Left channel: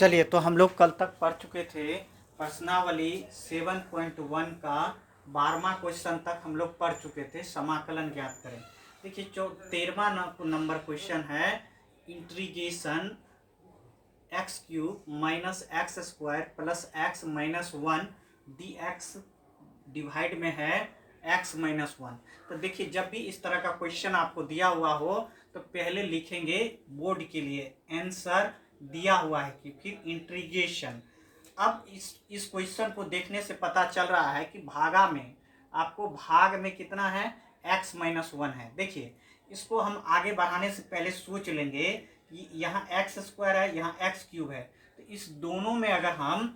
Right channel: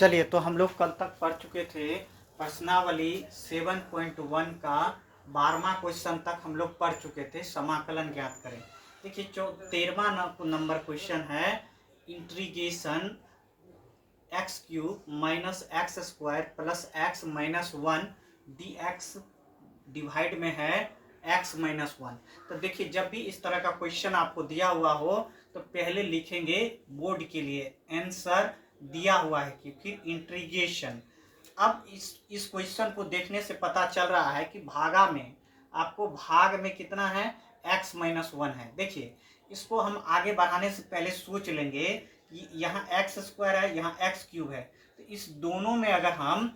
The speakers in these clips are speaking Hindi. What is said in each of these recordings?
चलिए, तो हम लोग कल तक पढ़ चुके थे प्रश्नावली 7.1 का 12वां क्वेश्चन तक हम लोग पढ़ चुके थे। समाकलन ज्ञात करें। देखिए, जो 13वां नंबर क्वेश्चन है, integration x cube minus x square plus x minus 1 D x divide में है एक्स माइनस 1। तो देखिए, जब भी इस तरह का क्वेश्चन आपको दिया हुआ हो तो पहले लिखेंगे बोर्ड के लिए आंसर दिया हुआ है कि फिर इंटीग्रेशन। अब इस क्वेश्चन को देखने से पता चल रहा है कि भागा में आपको भाग में कितना है, x माइनस 1 है। देखिए, इसको हम आगे बढ़ाने से पहले सोच लेंगे कि यहाँ एक्स स्क्वायर है, यहाँ एक्स क्यूब है। तो इस दोनों में अगर हम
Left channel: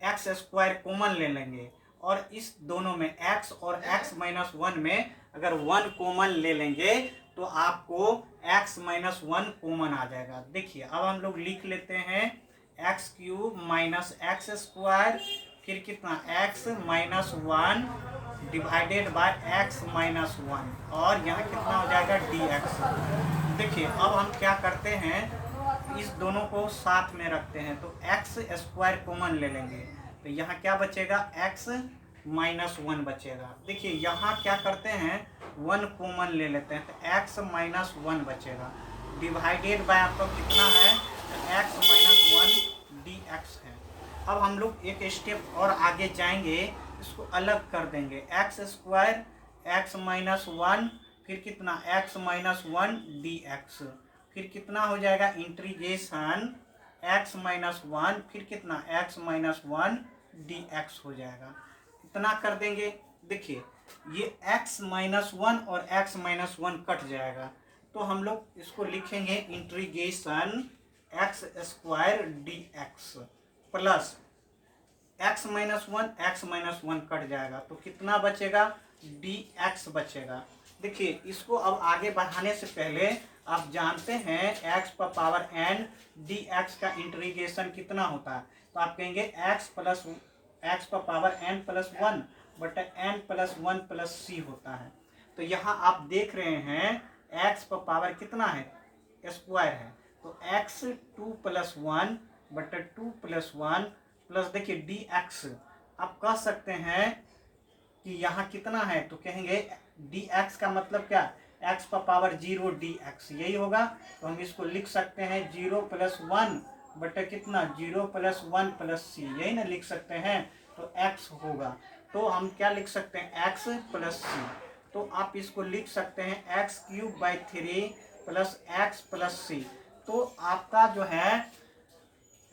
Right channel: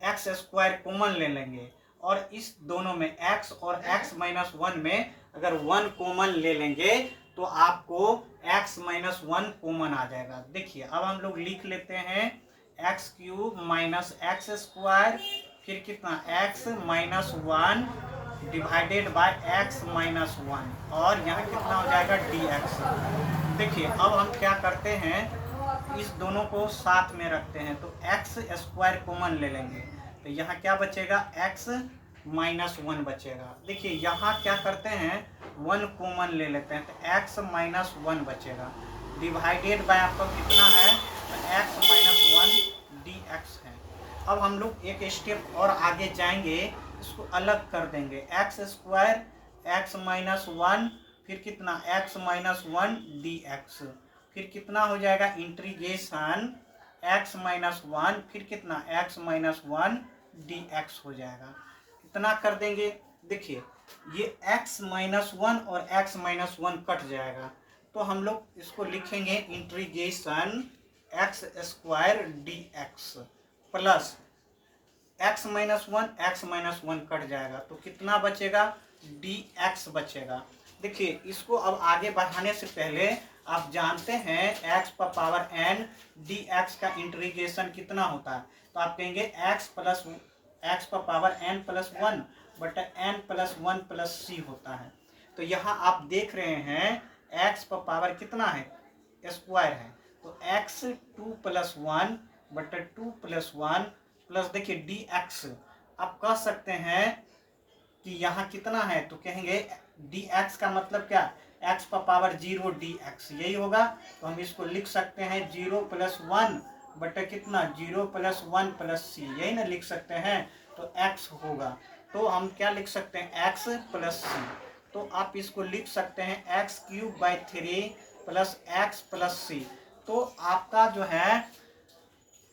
एक्स स्क्वायर कॉमन ले लेंगे और इस दोनों में x और x माइनस 1 में अगर 1 कॉमन ले लेंगे तो आपको x माइनस 1 कॉमन आ जाएगा। देखिए, अब हम लोग लिख लेते हैं x cube minus x square, फिर कितना x minus 1 divided by x minus 1, और यहाँ कितना हो जाएगा dx। देखिए, अब हम क्या करते हैं, इस दोनों को साथ में रखते हैं तो x स्क्वायर कॉमन ले लेंगे तो यहाँ क्या बचेगा, x माइनस 1 बचेगा। देखिए, यहाँ क्या करते हैं, 1 कॉमन ले लेते हैं तो x माइनस 1 बचेगा, डिवाइडेड बाय आपका कितना है, तो x माइनस 1 dx है। अब हम लोग एक स्टेप और आगे जाएंगे, इसको अलग कर देंगे, एक्स स्क्वायर एक्स माइनस 1, फिर कितना x माइनस 1 dx, फिर कितना हो जाएगा इंटीग्रेशन x माइनस 1, फिर कितना x माइनस 1 dx हो जाएगा। इतना कर देंगे। देखिए, ये x माइनस 1 और x माइनस 1 कट जाएगा तो हम लोग इसको लिखेंगे integration x square dx plus x minus 1 cut जाएगा तो कितना बचेगा, dx बचेगा। देखिए, इसको अब आगे बढ़ाने से पहले आप जानते हैं x पर पावर n dx का इंटीग्रेशन कितना होता है, तो आप कहेंगे x पर पावर n प्लस 1 बटा n प्लस 1 प्लस c होता है। तो यहाँ आप देख रहे हैं x पर पावर कितना है, स्क्वायर है, तो x 2 प्लस 1 बटा 2 प्लस 1 प्लस देखिए dx। आप कह सकते हैं कि यहाँ कितना है, तो कहेंगे dx का मतलब क्या, x पर पावर 0 dx, यही होगा। तो हम इसको लिख सकते हैं 0 प्लस 1 बटे कितना, 0 प्लस 1 प्लस सी, यही ना लिख सकते हैं। तो x होगा, तो हम क्या लिख सकते हैं, x प्लस सी। तो आप इसको लिख सकते हैं x cube by 3 plus x plus c. तो आपका जो है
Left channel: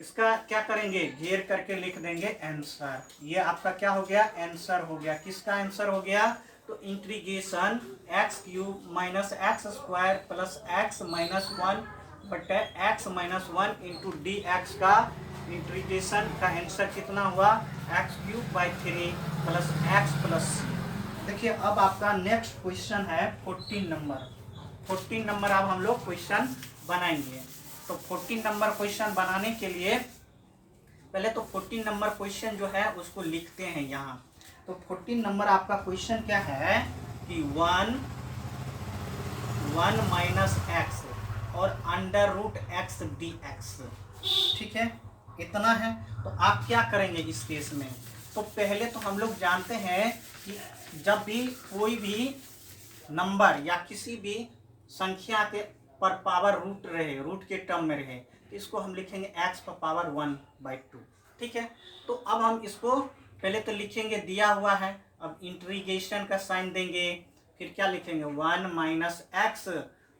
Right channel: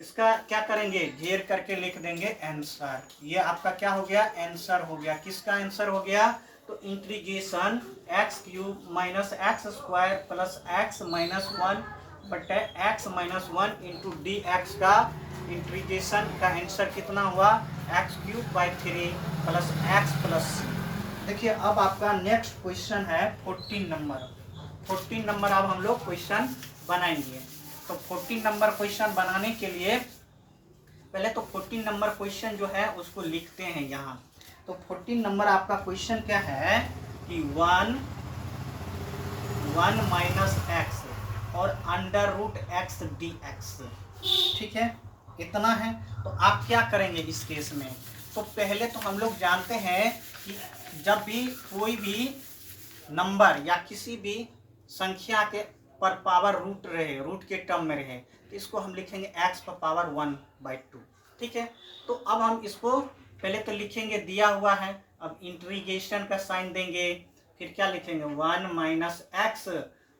इसका क्या करेंगे, घेर करके लिख देंगे आंसर। ये आपका क्या हो गया, आंसर हो गया। किसका आंसर हो गया, तो integration x cube minus x square plus x minus 1 बटे x minus 1 into d x का इंटीग्रेशन का आंसर कितना हुआ, x cube by 3 plus x plus c. देखिए, अब आपका नेक्स्ट क्वेश्चन है 14 नंबर। 14 नंबर अब हम लोग क्वेश्चन बनाएंगे। तो 14 नंबर क्वेश्चन बनाने के लिए पहले तो 14 नंबर क्वेश्चन जो है उसको लिखते हैं यहाँ। तो 14 नंबर आपका क्वेश्चन क्या है कि 1 माइनस एक्स और under root x d x, ठीक है, इतना है। तो आप क्या करेंगे इस केस में, तो पहले तो हम लोग जानते हैं कि जब भी कोई भी नंबर या किसी भी संख्या के पर पावर रूट रहे, रूट के टर्म में रहे, तो इसको हम लिखेंगे x पर पावर 1/2, ठीक है। तो अब हम इसको पहले तो लिखेंगे, दिया हुआ है, अब इंटीग्रेशन का साइन देंगे, फिर क्या लिखेंगे 1 माइनस एक्स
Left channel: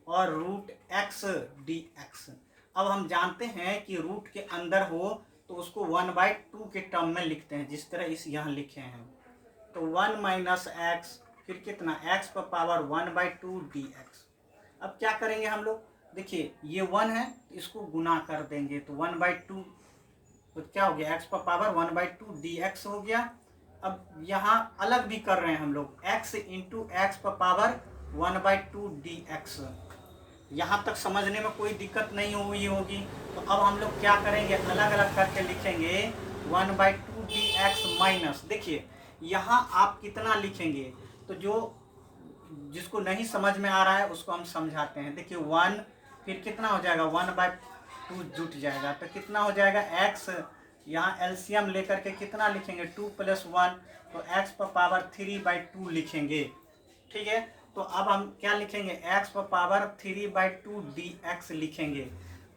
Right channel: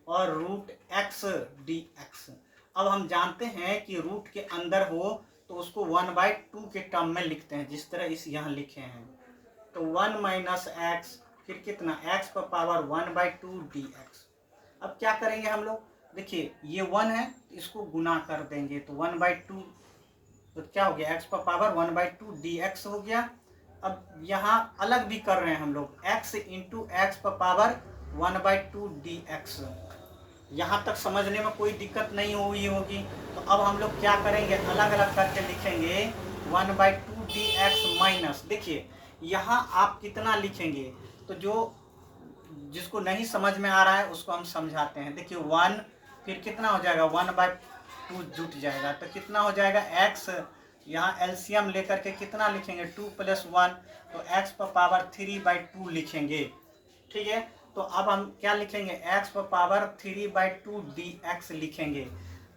और रूट एक्स डी एक्स। अब हम जानते हैं कि रूट के अंदर हो तो उसको 1/2 के टर्म में लिखते हैं, जिस तरह इस यहाँ लिखे हैं। तो 1 माइनस एक्स, फिर कितना x पर पावर 1/2 dx। अब क्या करेंगे हम लोग, देखिए ये 1 है तो इसको गुना कर देंगे तो 1/2, तो क्या हो गया, x पर पावर 1/2 dx हो गया। अब यहाँ अलग भी कर रहे हैं हम लोग, x इंटू एक्स पर पावर 1/2 dx। यहाँ तक समझने में कोई दिक्कत नहीं हुई होगी। तो अब हम लोग क्या करेंगे, अलग अलग करके लिखेंगे 1/2 dx माइनस, देखिए यहाँ आप कितना लिखेंगे, तो जो जिसको नहीं समझ में आ रहा है उसको हम समझाते हैं। देखिए 1, फिर कितना हो जाएगा 1/2 2 जुट जाएगा, तो कितना हो जाएगा x, यहाँ एलसीएम लेकर के कितना लिखेंगे 2 + 1, तो x पर पावर 3/2 लिखेंगे। ठीक है, तो अब हम क्या लिखेंगे x पर पावर 3/2 dx लिखेंगे।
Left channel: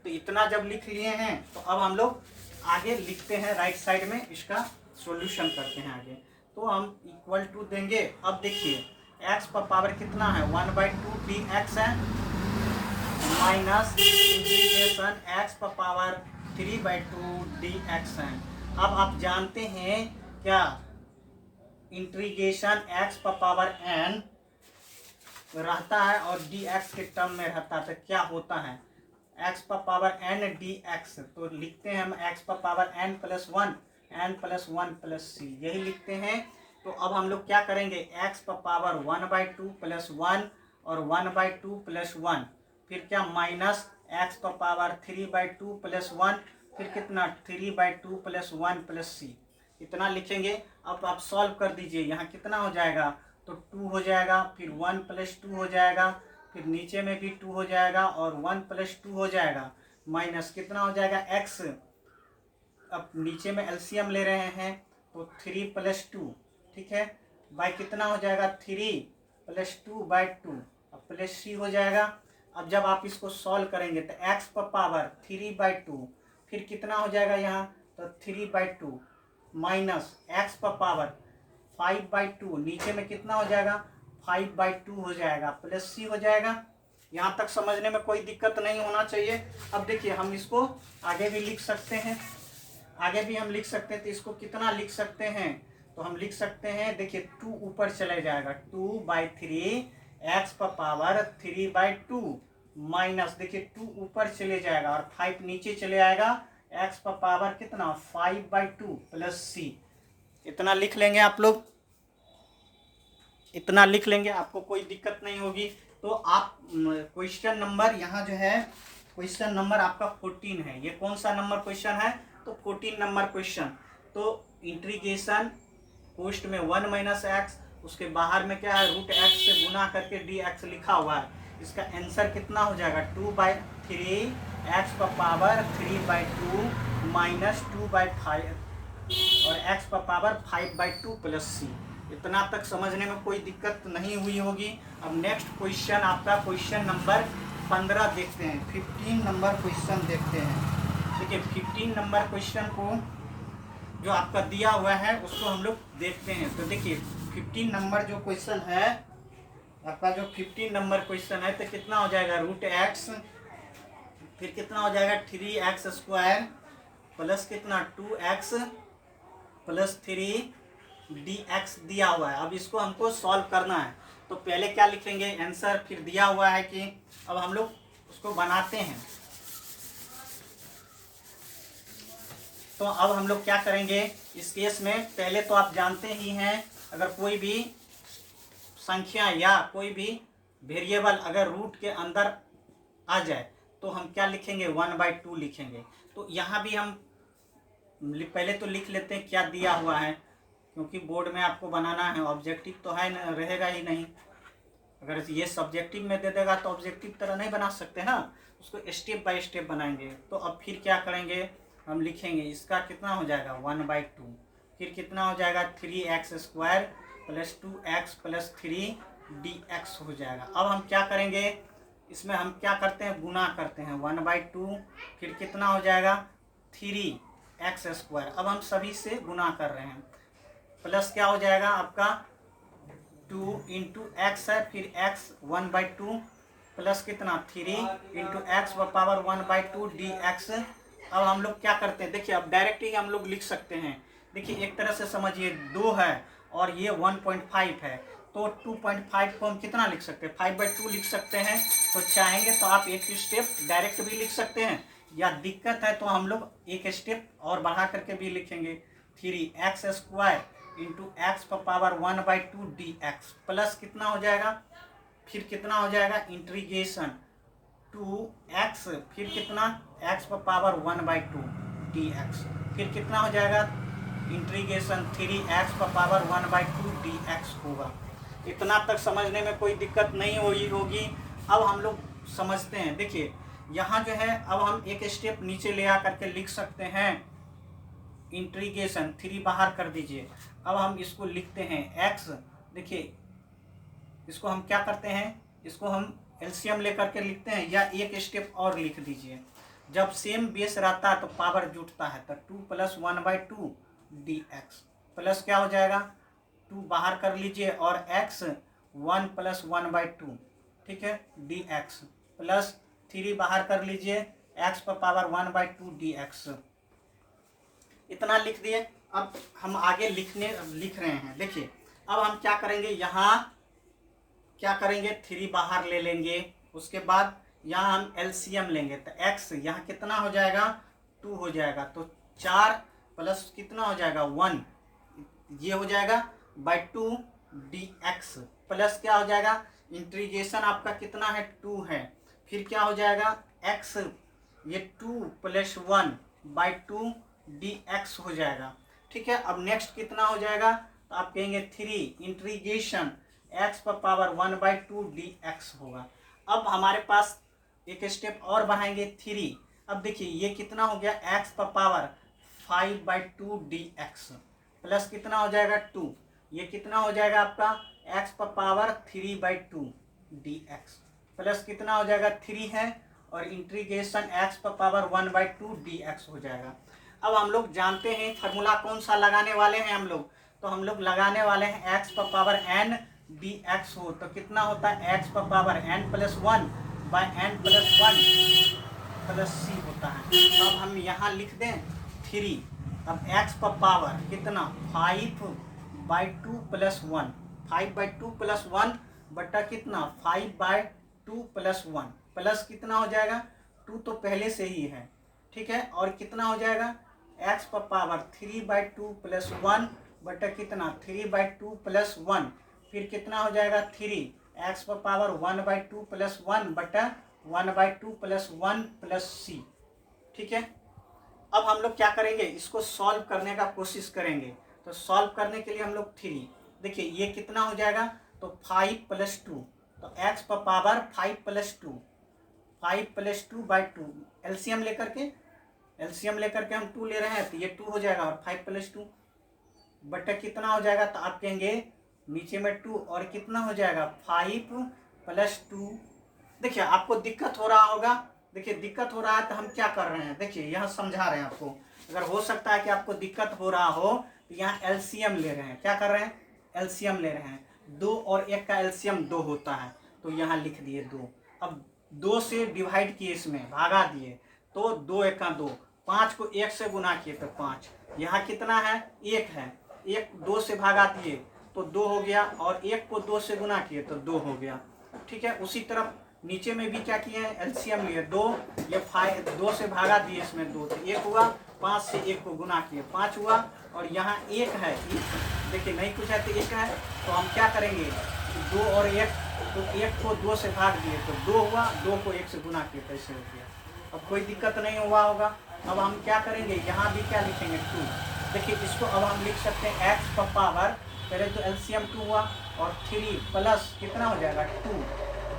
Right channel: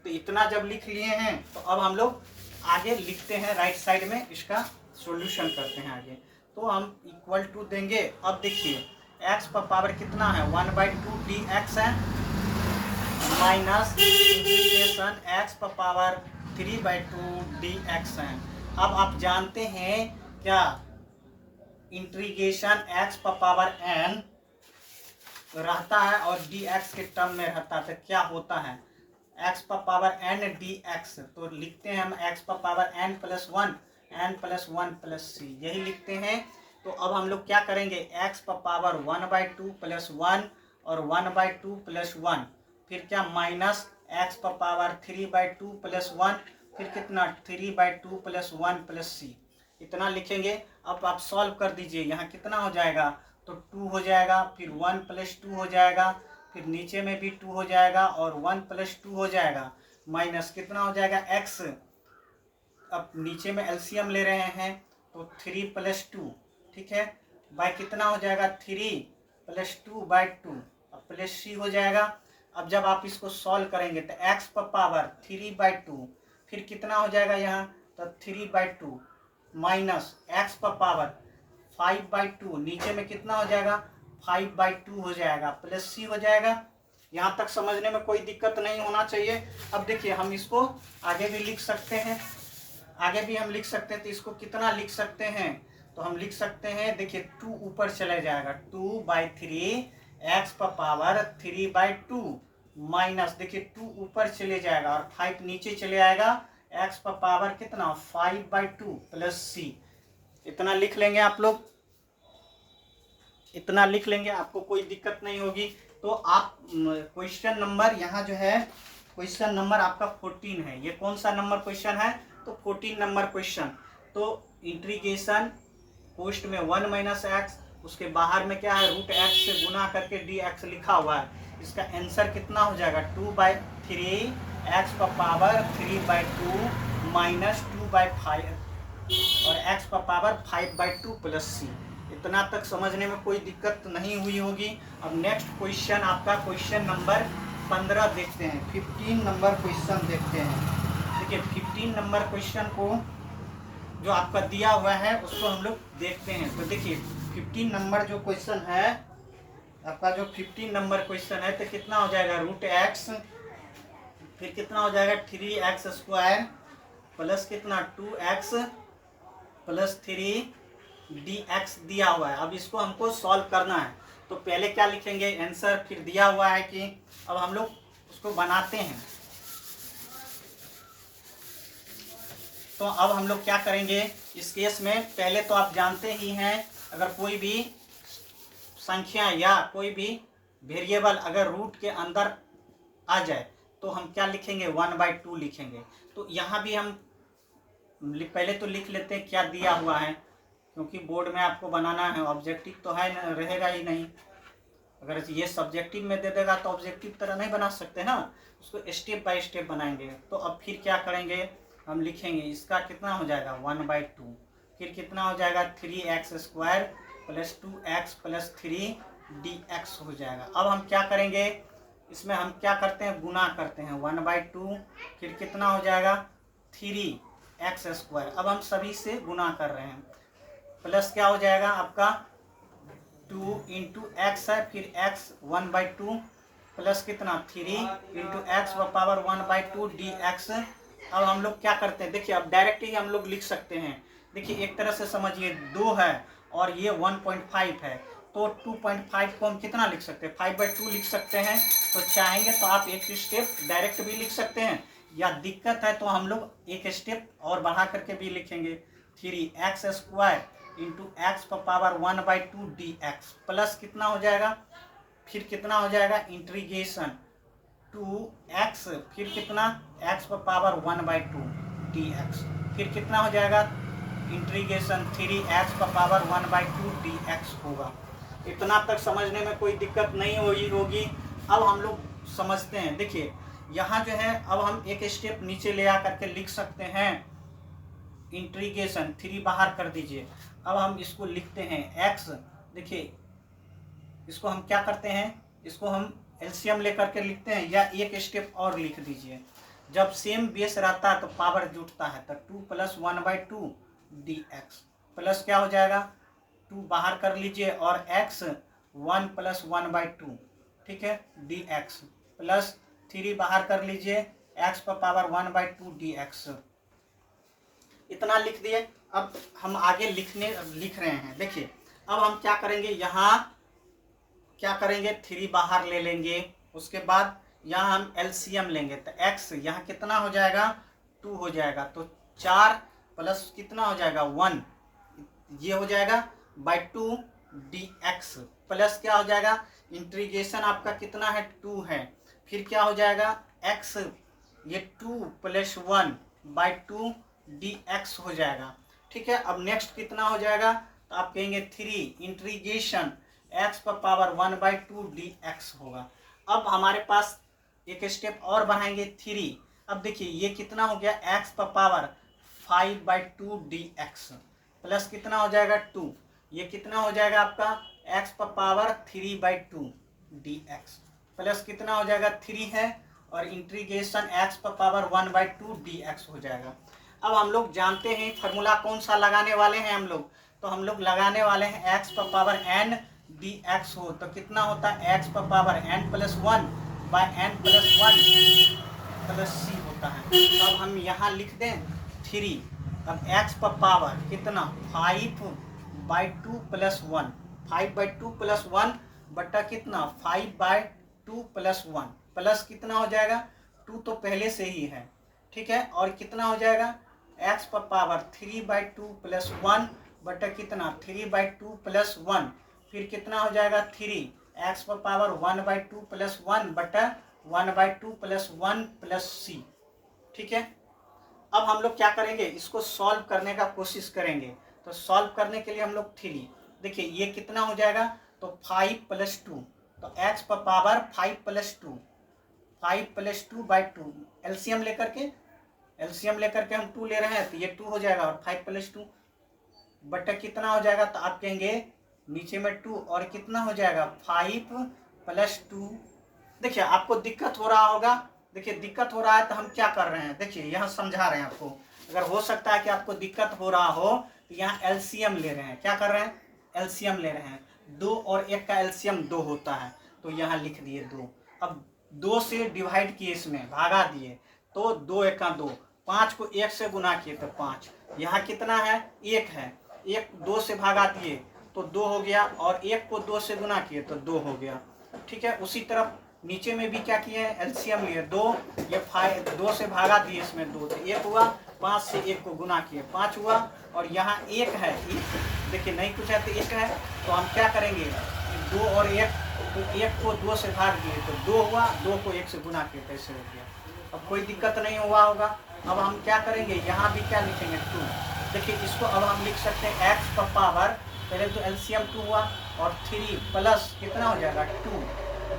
तो इतना जब लिख लिए हैं तो अब हम लोग आगे लिखते हैं, राइट साइड में इसका सॉल्यूशन करते हैं आगे। तो हम इक्वल टू देंगे, अब देखिए x पर पावर कितना है 1/2 dx है, माइनस इंटीग्रेशन x पर पावर 3/2 dx है। अब आप जानते हैं क्या, इंटीग्रेशन x पर पावर n रहता है और dx के टर्म में रहता है, तो क्या होता है x पर पावर n dx, तो लिखते हैं हम x पर पावर n + 1 n + 1 + c, यही लिखते हैं। तो अब हम लोग क्या करेंगे, x पर पावर 1/2 + 1 और 1/2 + 1, फिर क्या माइनस x पर पावर 3/2 + 1, फिर कितना 3/2 + 1 + c, इतना लिखेंगे। अब आप सॉल्व कर दीजिए, यहाँ कितना हो जाएगा, तो 2 हो जाएगा, फिर 1 + 2 हो जाएगा, फिर नीचे में भी 2 हो जाएगा और 1 + 2 हो जाएगा, माइनस कितना हो जाएगा x, अब नीचे में एलसीएम ले रहे हैं तो 3 + 2, ठीक है, बाय कितना हो जाएगा 3 + 2/2, अब प्लस c हो जाएगा। अब जब आप इसको सॉल्व करेंगे तो x पर पावर 3/2, फिर कितना हो जाएगा यहाँ, तो 3/2 माइनस x पर पावर 5/2, नीचे में कितना हो जाएगा 5/2 हो जाएगा, प्लस c हो जाएगा। यहाँ तक समझने में कोई दिक्कत नहीं होना चाहिए। अब देखिए हम इसको आगे भी लिख सकते हैं, आगे भी हम लिख सकते हैं, तो इसको कितना लिख सकते हैं, तो हम लिख सकते हैं, देखिए 2 ऊपर चले जाएगा, 2/3 x पर पावर 3/2 माइनस, देखिए 2 ऊपर चले जाएगा और 5 नीचे चले आएगा, x पर पावर कितना 5/2 + c, इतना लिख लेंगे आप लोग, इतना लिख लेंगे, आपको कोई दिक्कत नहीं होगी। तो आप क्वेश्चन नंबर यहाँ जो है, क्वेश्चन नंबर आपका 14 है, ये कौन सा नंबर क्वेश्चन है, तो 14 नंबर क्वेश्चन। तो इंटीग्रेशन पोस्ट में 1 - x, उसके बाहर में क्या है √x से गुना करके dx लिखा हुआ है, इसका आंसर कितना हो जाएगा 2/3 x पर पावर 3/2 माइनस 2/5 और x पर पावर 5/2 + c, इतना तक समझने में कोई दिक्कत नहीं हुई होगी। अब नेक्स्ट क्वेश्चन आपका क्वेश्चन नंबर 15 देखते हैं, 15 नंबर क्वेश्चन देखते हैं। देखिए 15 नंबर क्वेश्चन को जो आपका दिया हुआ है उसको हम लोग देखते हैं। तो देखिए 15 नंबर जो क्वेश्चन है आपका, जो 15 नंबर क्वेश्चन है, तो कितना हो जाएगा √x, फिर कितना हो जाएगा 3x² प्लस कितना 2x + 3 dx दिया हुआ है। अब इसको हमको सॉल्व करना है, तो पहले क्या लिखेंगे आंसर, फिर दिया हुआ है कि अब हम लोग उसको बनाते हैं। तो अब हम लोग क्या करेंगे इस केस में, पहले तो आप जानते ही हैं अगर कोई भी संख्या या कोई भी वेरिएबल अगर रूट के अंदर आ जाए तो हम क्या लिखेंगे 1/2 लिखेंगे। तो यहाँ भी हम पहले तो लिख लेते हैं क्या दिया हुआ है, क्योंकि बोर्ड में आपको बनाना है, ऑब्जेक्टिव तो है न, रहेगा ही नहीं। अगर ये सब्जेक्टिव में दे देगा तो ऑब्जेक्टिव तरह नहीं बना सकते ना, उसको स्टेप बाय स्टेप बनाएंगे। तो अब फिर क्या करेंगे, हम लिखेंगे इसका कितना हो जाएगा 1/2, फिर कितना हो जाएगा 3x² + 2x + 3 dx हो जाएगा। अब हम क्या करेंगे, इसमें हम क्या करते हैं गुना करते हैं 1/2, फिर कितना हो जाएगा 3x², अब हम सभी से गुना कर रहे हैं, प्लस क्या हो जाएगा आपका 2 × x है, फिर x 1/2 प्लस कितना 3 × x पर पावर 1/2 dx। अब हम लोग क्या करते हैं, देखिए अब डायरेक्ट ही हम लोग लिख सकते हैं। देखिए एक तरह से समझिए 2 है और ये 1.5 है, तो 2.5 को हम कितना लिख सकते हैं 5/2 लिख सकते हैं। तो चाहेंगे तो आप एक स्टेप डायरेक्ट भी लिख सकते हैं, या दिक्कत है तो हम लोग एक स्टेप और बढ़ा करके भी लिखेंगे 3x² × x पर पावर 1/2 dx प्लस कितना हो जाएगा, फिर कितना हो जाएगा इंटीग्रेशन 2x, फिर कितना x पर पावर 1/2 dx, फिर कितना हो जाएगा इंटीग्रेशन 3x पर पावर 1/2 dx होगा। इतना तक समझने में कोई दिक्कत नहीं हुई होगी। अब हम लोग समझते हैं, देखिए यहाँ जो है अब हम एक स्टेप नीचे ले आ करके लिख सकते हैं इंटीग्रेशन, 3 बाहर कर दीजिए। अब हम इसको लिखते हैं x, देखिए इसको हम क्या करते हैं, इसको हम एलसीएम लेकर के लिखते हैं, या एक स्टेप और लिख दीजिए। जब सेम बेस रहता है तो पावर जुटता है, तो 2 + 1/2 dx प्लस क्या हो जाएगा, 2 बाहर कर लीजिए और x 1 + 1/2, ठीक है, dx प्लस 3 बाहर कर लीजिए, x पर पावर 1/2 dx। इतना लिख दिए। अब हम आगे लिख रहे हैं। देखिए अब हम क्या करेंगे, यहाँ क्या करेंगे, 3 बाहर ले लेंगे, उसके बाद यहाँ हम एलसीएम लेंगे, तो x यहाँ कितना हो जाएगा, 2 हो जाएगा, तो 4 प्लस कितना हो जाएगा 1, ये हो जाएगा /2 dx प्लस क्या हो जाएगा, इंटीग्रेशन आपका कितना है 2 है, फिर क्या हो जाएगा x, ये 2 + 1/2 dx हो जाएगा, ठीक है। अब नेक्स्ट कितना हो जाएगा, तो आप कहेंगे 3 इंटीग्रेशन x पर पावर 1/2 dx होगा। अब हमारे पास एक स्टेप और बढ़ाएंगे 3। अब देखिए ये कितना हो गया, x पर पावर 5/2 dx प्लस कितना हो जाएगा 2, ये कितना हो जाएगा आपका x पर पावर 3/2 dx प्लस कितना हो जाएगा 3 है, और इंटीग्रेशन x पर पावर 1/2 dx हो जाएगा। अब हम लोग जानते हैं फार्मूला कौन सा लगाने वाले हैं हम लोग, तो हम लोग लगाने वाले हैं x पर पावर n dx हो, तो कितना होता है x पर पावर n + 1/n+1 + c होता है। तो अब हम यहाँ लिख दें 3, अब x पर पावर कितना 5/2 + 1, 5/2 + 1 बटा कितना 5/2 + 1 प्लस कितना हो जाएगा 2 तो पहले से ही है, ठीक है, और कितना हो जाएगा x पर पावर 3/2 + 1 बटा कितना 3/2 + 1, फिर कितना हो जाएगा 3 x पर पावर 1/2 + 1 बटा 1/2 + 1 + c, ठीक है। अब हम लोग क्या करेंगे, इसको सॉल्व करने का कोशिश करेंगे। तो सॉल्व करने के लिए हम लोग 3, देखिए ये कितना हो जाएगा, तो 5 + 2, तो x पर पावर 5 + 2, 5 + 2/2, एलसीएम लेकर के हम 2 ले रहे हैं, तो ये 2 हो जाएगा, और 5 + 2 बटा कितना हो जाएगा, तो आप कहेंगे नीचे में 2 और कितना हो जाएगा 5 + 2। देखिए आपको दिक्कत हो रहा होगा, देखिए दिक्कत हो रहा है तो हम क्या कर रहे हैं, देखिए यहाँ समझा रहे हैं आपको। अगर हो सकता है कि आपको दिक्कत हो रहा हो तो यहाँ एलसीएम ले रहे हैं, क्या कर रहे हैं, एलसीएम ले रहे हैं। 2 और 1 का एलसीएम 2 होता है, तो यहाँ लिख दिए 2। अब 2 से डिवाइड किए, इसमें भागा दिए, तो 2 × 1 2, 5 को 1 से गुना किए तो 5, यहाँ कितना है 1 है, 1 2 से भागा दिए तो 2 हो गया, और 1 को 2 से गुना किए तो 2 हो गया, ठीक है। उसी तरफ नीचे में भी क्या किए हैं, एलसीएम लिए 2, ये 2 से भागा दिए, इसमें 2 तो 1 हुआ, 5 से 1 को गुना किए 5 हुआ, और यहाँ 1 है, देखिए नहीं कुछ है तो 1 है, तो हम क्या करेंगे 2 और 1, तो 1 को 2 से भाग दिए तो 2 हुआ, 2 को 1 से गुना किए तो ऐसे हो गया। अब कोई दिक्कत नहीं हुआ होगा। अब हम क्या करेंगे, यहाँ भी क्या लिखेंगे 2, देखिए इसको अब हम लिख सकते हैं x पर पावर, पहले तो एलसीएम 2 हुआ, और 3 प्लस कितना हो जाएगा 2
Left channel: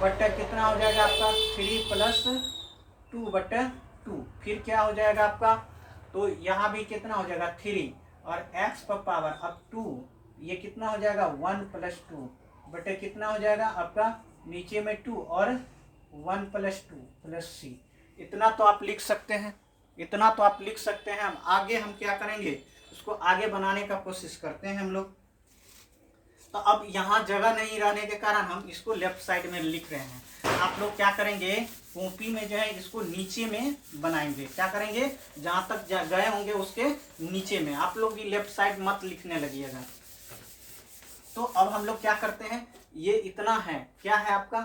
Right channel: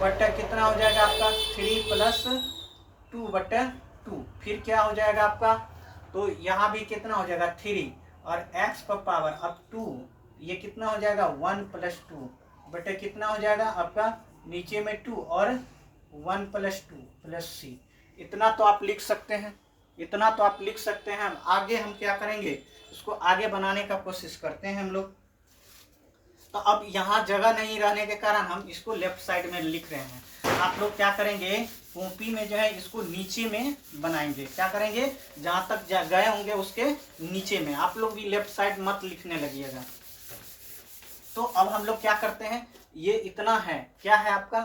बटा कितना हो जाएगा आपका 3 + 2 बटा 2, फिर क्या हो जाएगा आपका, तो यहाँ भी कितना हो जाएगा 3, और x पर पावर अब 2, ये कितना हो जाएगा 1 + 2 बटे कितना हो जाएगा आपका नीचे में 2 और 1 + 2 + c। इतना तो आप लिख सकते हैं, इतना तो आप लिख सकते हैं। आगे हम क्या करेंगे, इसको आगे बनाने का कोशिश करते हैं हम लोग। तो अब यहाँ जगह नहीं रहने के कारण हम इसको लेफ्ट साइड में लिख रहे हैं। आप लोग क्या करेंगे, कॉपी में जो है इसको नीचे में बनाएंगे, क्या करेंगे जहाँ तक गए होंगे उसके नीचे में, आप लोग भी लेफ्ट साइड मत लिखने लगिएगा। तो अब हम लोग क्या करते हैं, ये इतना है, क्या है आपका,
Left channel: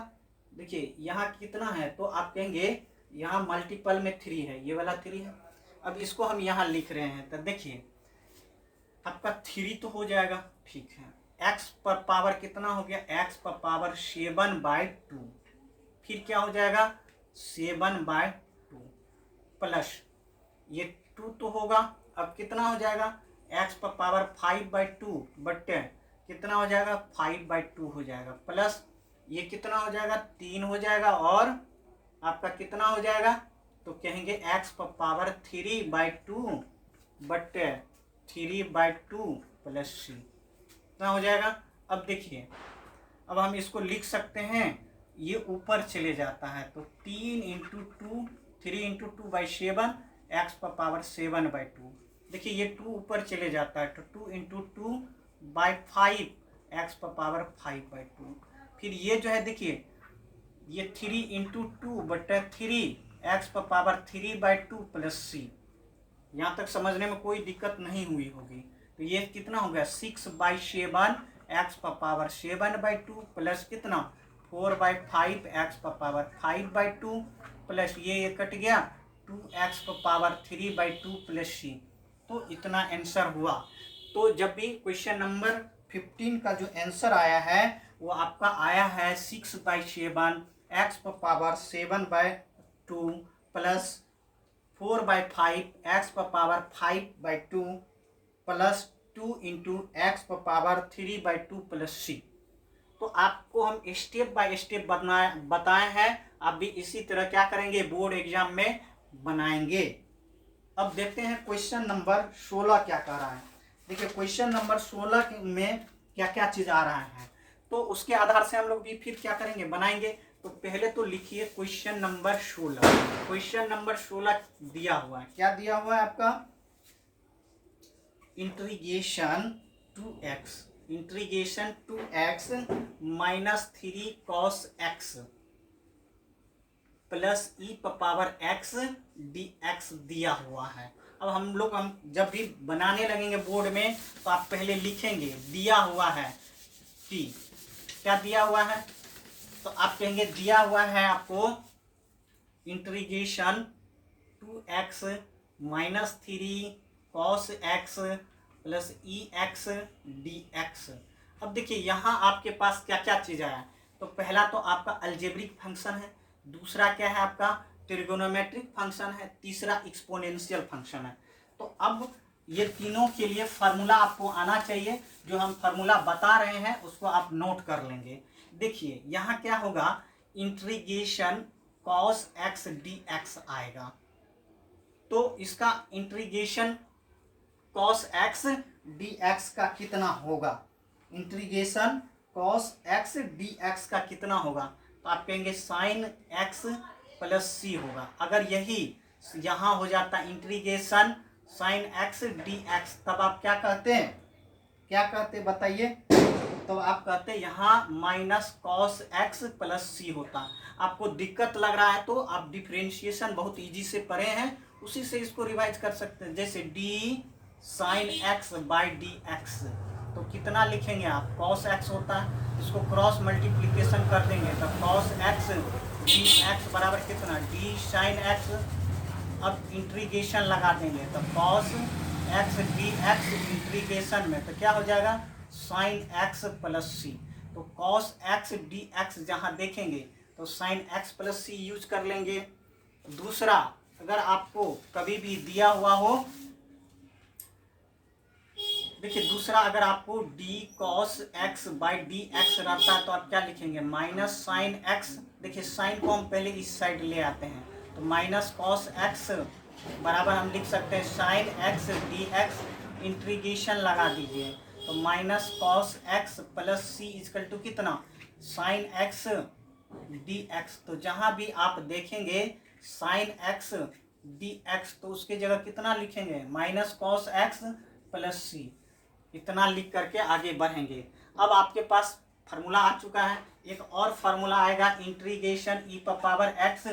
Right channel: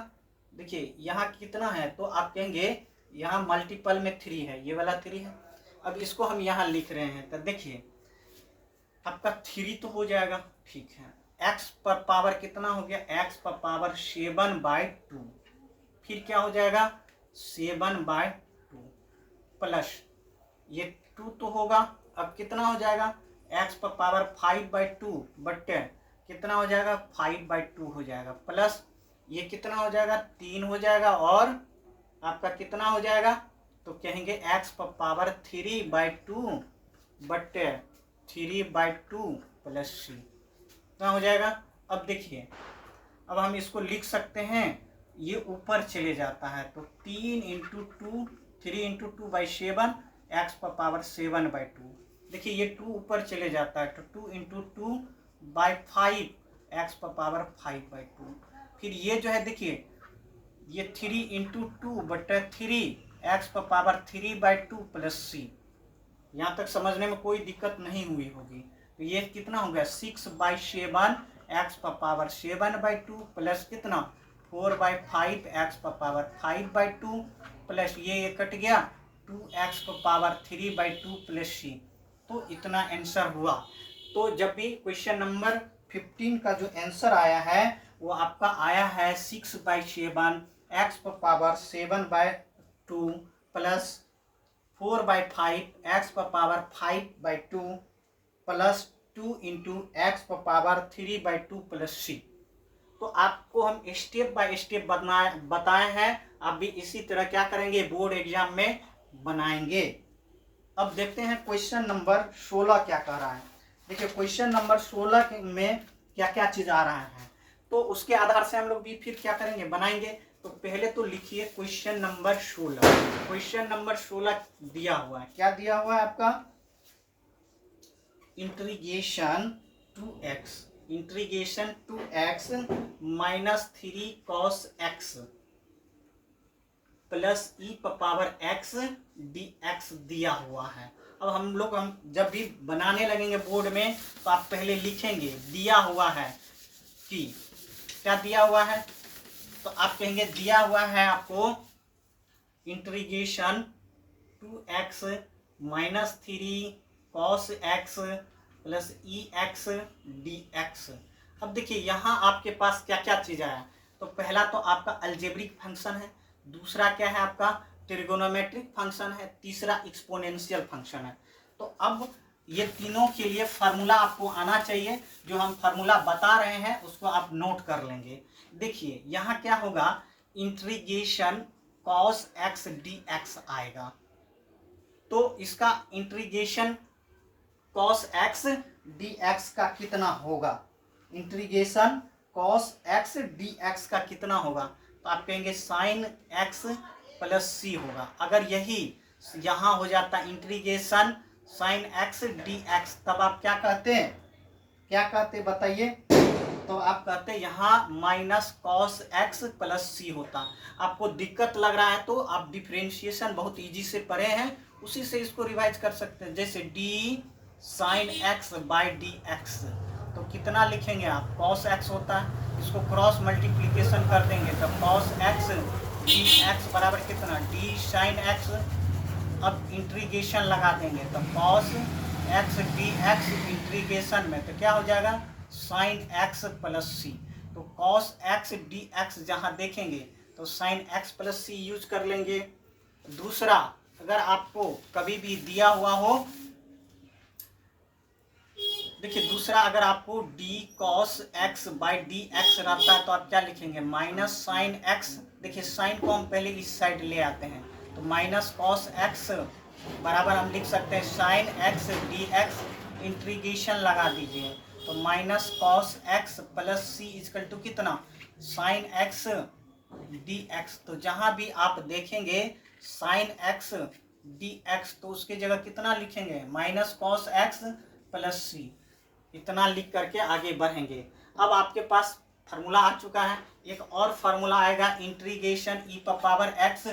देखिए यहाँ कितना है, तो आप कहेंगे यहाँ मल्टीपल में 3 है, ये वाला 3 है। अब इसको हम यहाँ लिख रहे हैं, तो देखिए आपका 3 तो हो जाएगा, ठीक है। x पर पावर कितना हो गया, x पर पावर 7/2, फिर क्या हो जाएगा 7/2 प्लस ये 2 तो होगा, अब कितना हो जाएगा x पर पावर 5/2 बटे कितना हो जाएगा 5/2 हो जाएगा, प्लस ये कितना हो जाएगा 3 हो जाएगा, और आपका कितना हो जाएगा, तो कहेंगे x पावर 3/2 बटे 3/2 प्लस सी, कितना हो जाएगा। अब देखिए, अब हम इसको लिख सकते हैं, ये ऊपर चले जाता है तो 3 इंटू 2, 3 इंटू 2/7 एक्स पावर 7/2। देखिए ये 2 ऊपर चले जाता है तो 2 इंटू 2/5 एक्स पावर 5/2। फिर ये जो है देखिए, ये 3 इंटू 2/3 एक्स पावर 3/2 प्लस सी। यहाँ तक समझने में कोई दिक्कत नहीं हुई होगी। तो ये कितना हो गया, 6/7 एक्स पावर 7/2 प्लस कितना 4/5 एक्स पावर 5/2 प्लस ये कट गया 2x पावर 3/2 प्लस सी। तो इतना आंसर हुआ। तो जब भी क्वेश्चन नंबर 15 का जो आंसर आया है वो आपका आया है 6/7 x power 7/2 plus 4/5 x power 5/2 plus 2 into x power 3/2 plus c. तो आपको हम स्टेप बाय स्टेप बताए हैं, आप भी इसी तरह क्या करेंगे, बोर्ड एग्जाम में बनाएंगे। अब देखते हैं क्वेश्चन नंबर 16 क्या कह रहा है। देखिए क्वेश्चन नंबर 16 में क्या क्या चीज आ रहा है, तो उसके आधार से हम लोग भी फिर क्या करेंगे, बनाएंगे। तो पहले तो लिखिए क्वेश्चन नंबर 16। क्वेश्चन नंबर 16 दिया हुआ है, क्या दिया हुआ है आपका, integration 2x minus 3 cos x plus e power x dx दिया हुआ है। अब हम जब भी बनाने लगेंगे बोर्ड में तो आप पहले लिखेंगे दिया हुआ है कि क्या दिया हुआ है, तो आप कहेंगे दिया हुआ है आपको integration 2x minus 3 cos x plus e x d x. अब देखिए यहाँ आपके पास क्या क्या चीज आया, तो पहला तो आपका अलजेब्रिक फंक्शन है, दूसरा क्या है आपका ट्रिगोनोमेट्रिक फंक्शन है, तीसरा एक्सपोनेंशियल फंक्शन है। तो अब ये तीनों के लिए फार्मूला आपको आना चाहिए, जो हम फार्मूला बता रहे हैं उसको आप नोट कर लेंगे। देखिए यहाँ क्या होगा, इंटीग्रेशन cos x dx आएगा, तो इसका इंटीग्रेशन cos x dx का कितना होगा, इंटीग्रेशन cos x dx का कितना होगा, तो आप कहेंगे sin x प्लस सी होगा। अगर यही यहाँ हो जाता इंटीग्रेशन sin x dx, तब आप क्या कहते हैं, क्या कहते बताइए, तो आप कहते हैं यहाँ माइनस cos x प्लस सी होता। आपको दिक्कत लग रहा है तो आप डिफरेंशिएशन बहुत इजी से पढ़े हैं, उसी से इसको रिवाइज कर सकते हैं। जैसे d sin x by d x, तो कितना लिखेंगे आप, cos x होता है, इसको क्रॉस मल्टीप्लीकेशन कर देंगे तो cos x dx बराबर कितना d sin x। अब इंटीग्रेशन लगा देंगे तो cos x dx इंटीग्रेशन में तो क्या हो जाएगा sin x प्लस सी। तो cos x dx जहाँ देखेंगे तो sin x प्लस सी यूज कर लेंगे। दूसरा, अगर आपको कभी भी दिया हुआ हो, देखिए दूसरा अगर आपको d cos x by d x रहता है तो आप क्या लिखेंगे, माइनस साइन x। देखिए साइन को हम पहले इस साइड ले आते हैं, तो माइनस cos x बराबर हम लिख सकते हैं साइन x dx, इंटीग्रेशन लगा दीजिए तो minus cos x plus C is equal to कितना साइन x dx। तो जहां भी आप देखेंगे साइन x dx तो उसकी जगह कितना लिखेंगे, माइनस cos x प्लस सी। इतना लिख करके आगे बढ़ेंगे। अब आपके पास फार्मूला आ चुका है, एक और फार्मूला आएगा इंटीग्रेशन ई पावर एक्स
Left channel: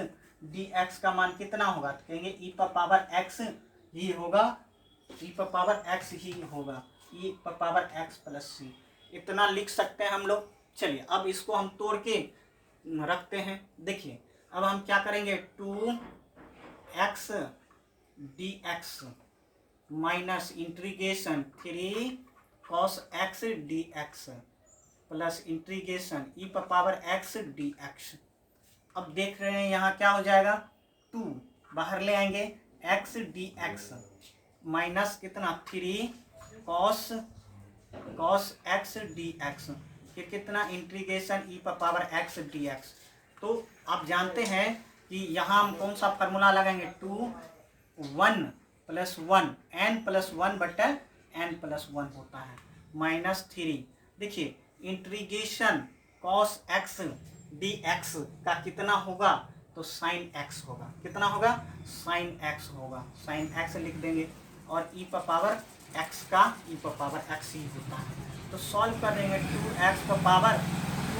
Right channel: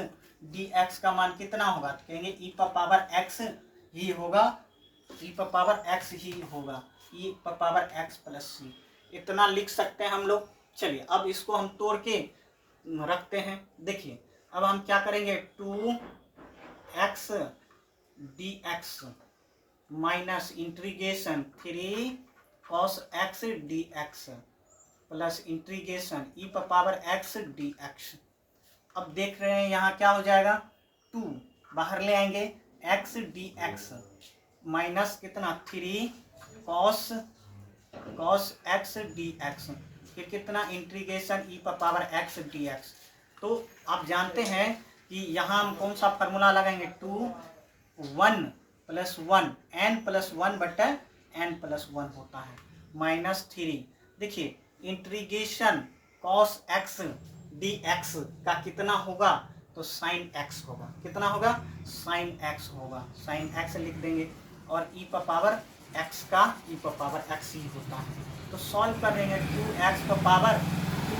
डी एक्स का मान कितना होगा, तो कहेंगे ई पावर एक्स ही होगा, ई पावर एक्स ही होगा, ई पावर एक्स प्लस सी। इतना लिख सकते हैं हम लोग। चलिए अब इसको हम तोड़ के रखते हैं। देखिए अब हम क्या करेंगे, 2x dx minus integration 3 cos x dx plus integration ई पावर x dx। अब देख रहे हैं यहाँ क्या हो जाएगा, 2 बाहर ले आएंगे x dx माइनस कितना 3 cos x dx, फिर कितना इंटीग्रेशन ई पावर x dx। तो आप जानते हैं कि यहाँ हम कौन सा फार्मूला लगाएंगे, 2 1 + 1 n+1/n+1 होता है -3। देखिए इंटीग्रेशन cos x dx का कितना होगा, तो sin x होगा। कितना होगा, sin x होगा। sin x लिख देंगे और e पर पावर x का e पर पावर x ही होता है। तो सॉल्व कर देंगे 2x पर पावर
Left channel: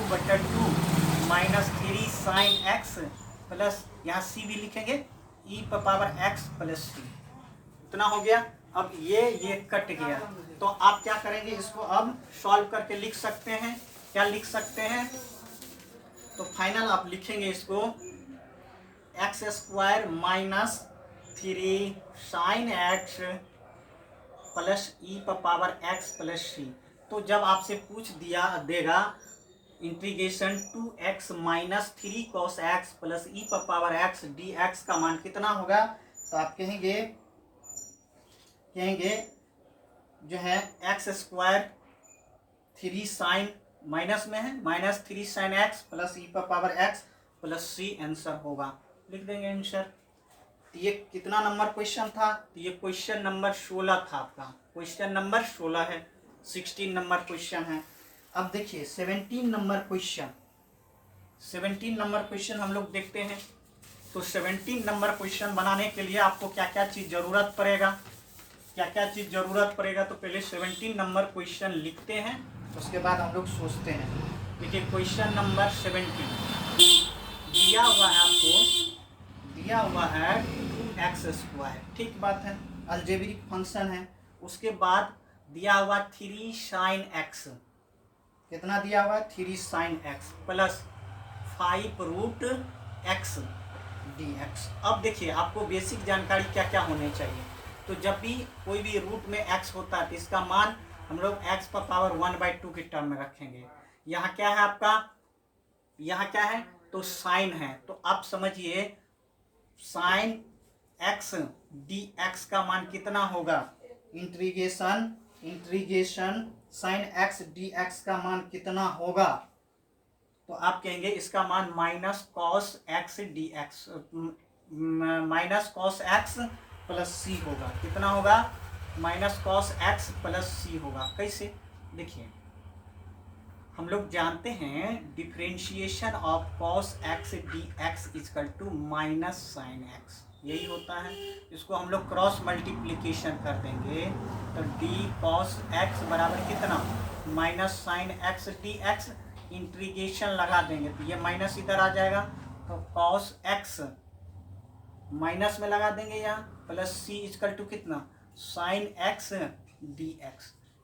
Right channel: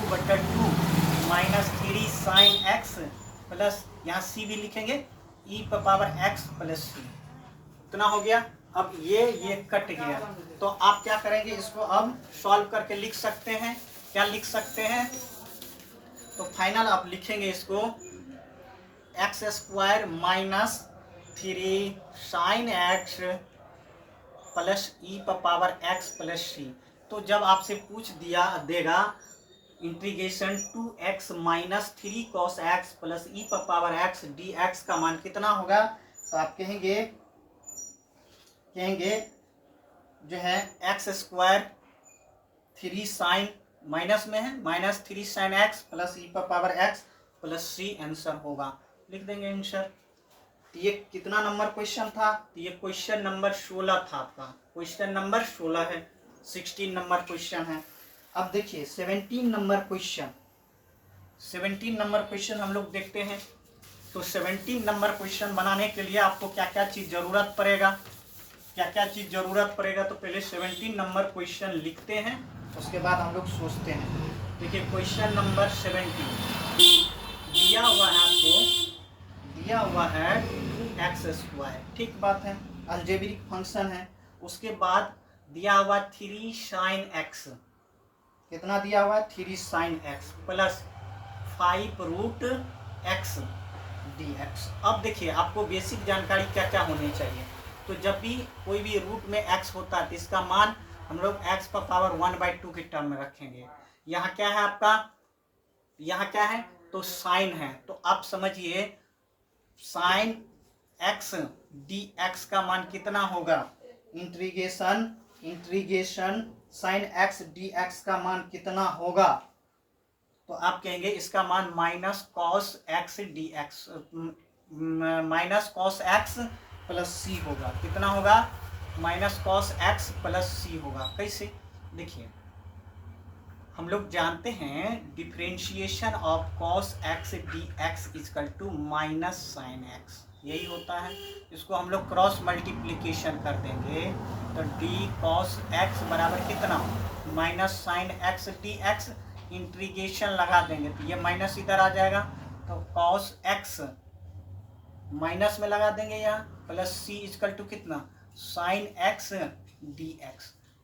2/2 -3 sin x प्लस यहाँ c भी लिखेंगे e पर पावर x प्लस c। इतना हो गया। अब ये कट गया, तो आप क्या करेंगे, इसको अब सॉल्व करके लिख सकते हैं। क्या लिख सकते हैं, तो फाइनल आप लिखेंगे इसको x² - 3 sin x plus e पर पावर x प्लस c। तो जब आपसे पूछ देगा integration 2x - 3 cos x plus e पर पावर x dx का मान कितना होगा, तो आप कहेंगे जो है x² 3 sin माइनस में है -3 sin x प्लस e पर power x plus c answer होगा। लिख देंगे आंसर। तो ये कितना नंबर क्वेश्चन था, तो ये क्वेश्चन नंबर 16 था आपका। क्वेश्चन नंबर 16 है, 16 नंबर क्वेश्चन है। अब देखिए 17 नंबर क्वेश्चन, 17 नंबर क्वेश्चन हम लोग देखते हैं। तो 17 नंबर क्वेश्चन बनाने के लिए आपको क्या क्या चीज़ ज़रूरत पड़ेगा, तो पहले 17 नंबर क्वेश्चन लिखते हैं, उसके बाद हम लोग सोचते हैं। देखिए क्वेश्चन नंबर 17 दिया हुआ है आपको, दिया हुआ है 2x², ठीक बात है, अलजेब्रिक फंक्शन है। उसके बाद दिया हुआ 3 sin x, कितना दिया हुआ, 3 sin x plus 5√x dx। अब देखिए आपको बेसिक जानकारी क्या क्या होनी चाहिए। तो जब भी कोई भी रूट में x होता है तो इसका मान हम लोग x पर पावर 1/2 के टर्म में रखेंगे। यहाँ क्या है आपका, यहाँ क्या है, तो साइन है। तो आप समझिए sin x dx का मान कितना होगा, इंटीग्रेशन sin x dx का मान कितना होगा, तो आप कहेंगे इसका मान -cos x dx -cos x plus c होगा। कितना होगा, -cos x प्लस c होगा। कैसे, देखिए हम लोग जानते हैं differentiation of cos x dx = -sin x, यही होता है। इसको हम लोग क्रॉस मल्टीप्लिकेशन कर देंगे तो d cos x बराबर कितना, -sin x dx, इंटीग्रेशन लगा देंगे तो ये माइनस इधर आ जाएगा, तो cos x माइनस में लगा देंगे यहाँ, प्लस c = कितना, sin x dx।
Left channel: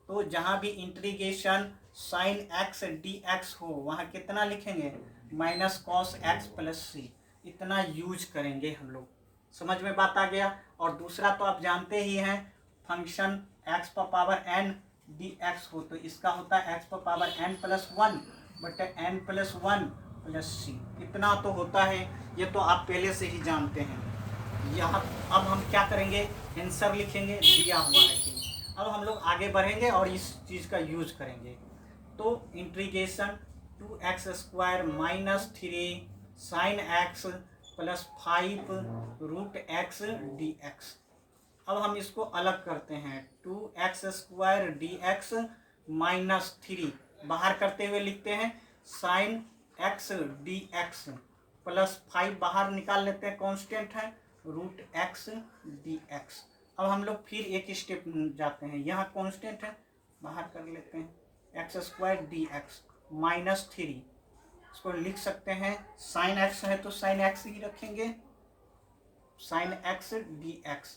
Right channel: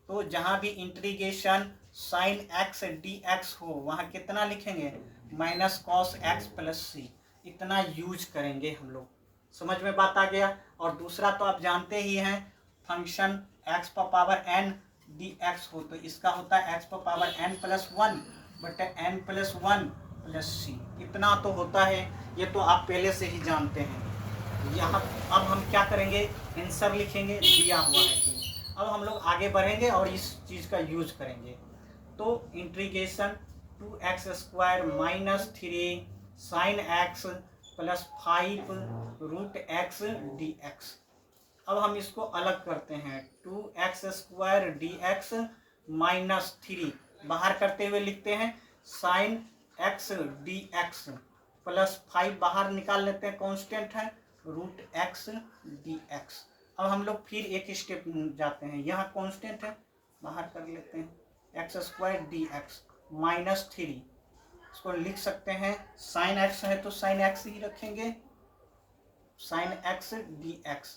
तो जहाँ भी इंटीग्रेशन sin x dx हो वहाँ कितना लिखेंगे, -cos x प्लस c, इतना यूज करेंगे हम लोग। समझ में बात आ गया। और दूसरा तो आप जानते ही हैं, फंक्शन x पर पावर n dx हो तो इसका होता है x पर पावर n+1/n+1 प्लस c, इतना तो होता है। ये तो आप पहले से ही जानते हैं। यहाँ अब हम क्या करेंगे, आंसर लिखेंगे, दिया हुआ है कि अब हम लोग आगे बढ़ेंगे और इस चीज़ का यूज करेंगे। तो integration 2x² - 3 sin x plus 5√x dx। अब हम इसको अलग करते हैं, 2x² dx -3 बाहर करते हुए लिखते हैं sin x dx प्लस 5 बाहर निकाल लेते हैं, कांस्टेंट है, √x dx। अब हम लोग फिर एक स्टेप जाते हैं, यहाँ कांस्टेंट है, बाहर कर लेते हैं, x² dx -3, इसको लिख सकते हैं sin x है तो sin x ही रखेंगे, sin x dx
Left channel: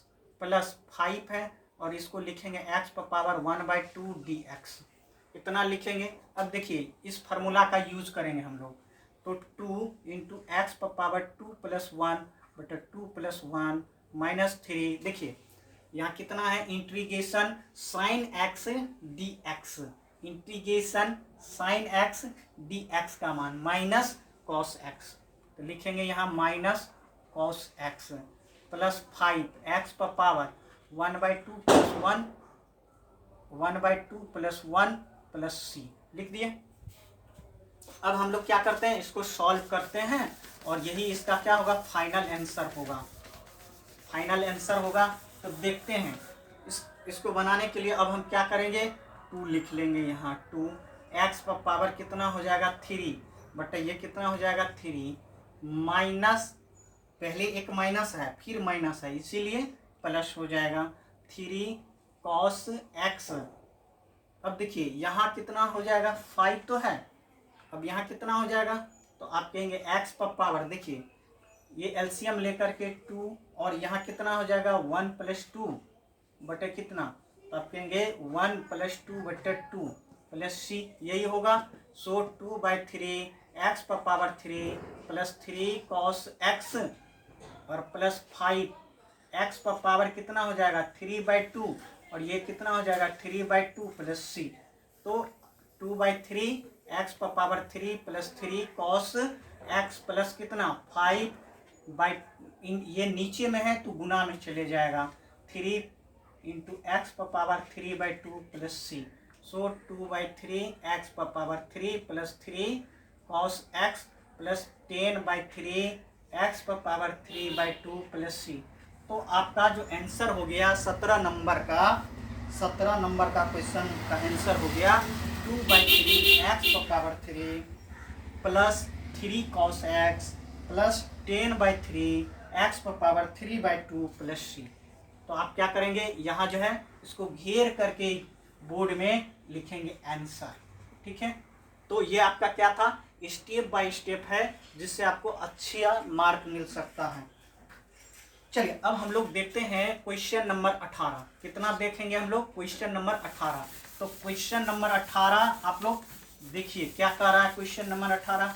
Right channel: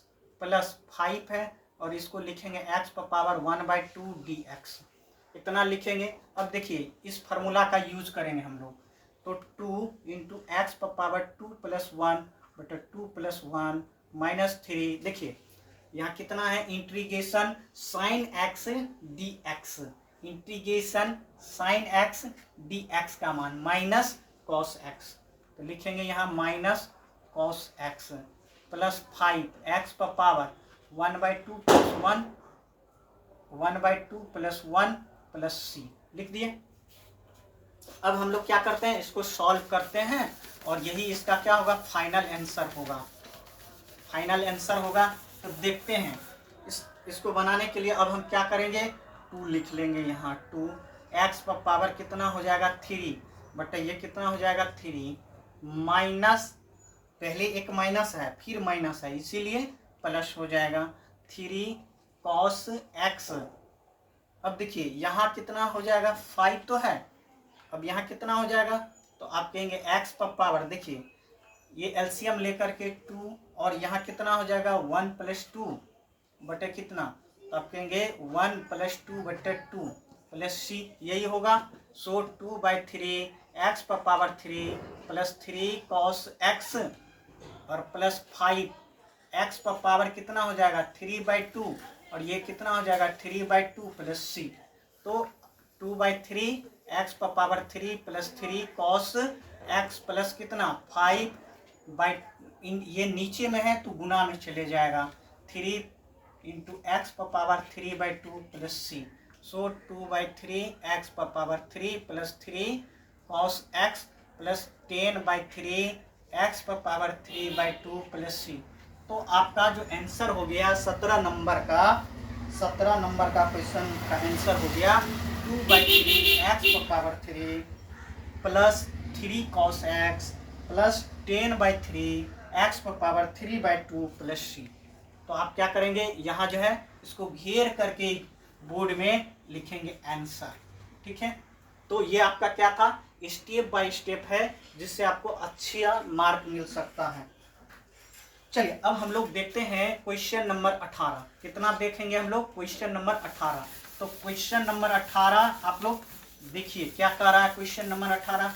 प्लस 5 है और इसको लिखेंगे x पर पावर 1/2 dx, इतना लिखेंगे। अब देखिए इस फार्मूला का यूज करेंगे हम लोग, तो 2 × x पर पावर 2 + 1/2 + 1 -3। देखिए यहाँ कितना है, integration sin x dx, integration sin x dx का मान -cos x, तो लिखेंगे यहाँ -cos x प्लस 5 x पर पावर 1/2 + 1 1/2 + 1 प्लस c, लिख दिए। अब हम लोग क्या करते हैं, इसको सॉल्व करते हैं और यही इसका क्या होगा, फाइनल आंसर होगा, फाइनल आंसर होगा। तो देखते हैं इसको बनाने के लिए अब हम क्या करेंगे, 2 लिख लेंगे यहाँ, 2 एक्स पर पावर कितना हो जाएगा 3 बटा ये कितना हो जाएगा 3 माइनस, पहले एक माइनस है फिर माइनस है इसीलिए प्लस हो जाएगा 3 कॉस एक्स। अब देखिए यहाँ कितना हो जाएगा 5 तो है, अब यहाँ कितना हो जाएगा, तो आप कहेंगे एक्स पर पावर, देखिए ये एलसीएम लेकर के 2 और यहाँ कितना हो जाएगा 1 + 2 बटे कितना, तो आप कहेंगे 1 + 2 बटे 2 प्लस सी, यही होगा। सो 2/3 एक्स पर पावर 3 प्लस 3 कॉस एक्स और प्लस 5 एक्स पर पावर कितना हो जाएगा 3/2 और ये कितना हो जाएगा 3/2 प्लस सी। तो 2/3 एक्स पर power 3 plus 3 cos x plus कितना 5 ये नीचे में है तो गुना में चले जाएगा 3 × एक्स पर पावर 3/2 प्लस सी। सो 2/3 एक्स पर power 3 plus 3 cos x plus 10/3 x पर पावर 3/2 प्लस सी। तो आपका जो आंसर हो गया 17 नंबर का क्वेश्चन का आंसर हो गया 2/3 एक्स पर power 3 plus 3 cos x plus 10/3 x पर पावर 3/2 प्लस सी। तो आप क्या करेंगे, यहाँ जो है इसको घेर करके बोर्ड में लिखेंगे आंसर, ठीक है। तो ये आपका क्या था, स्टेप बाय स्टेप है जिससे आपको अच्छा मार्क मिल सकता है। चलिए अब हम लोग देखते हैं क्वेश्चन नंबर 18। कितना देखेंगे हम लोग, क्वेश्चन नंबर 18। तो क्वेश्चन नंबर 18 आप लोग देखिए क्या कह रहा है क्वेश्चन नंबर 18।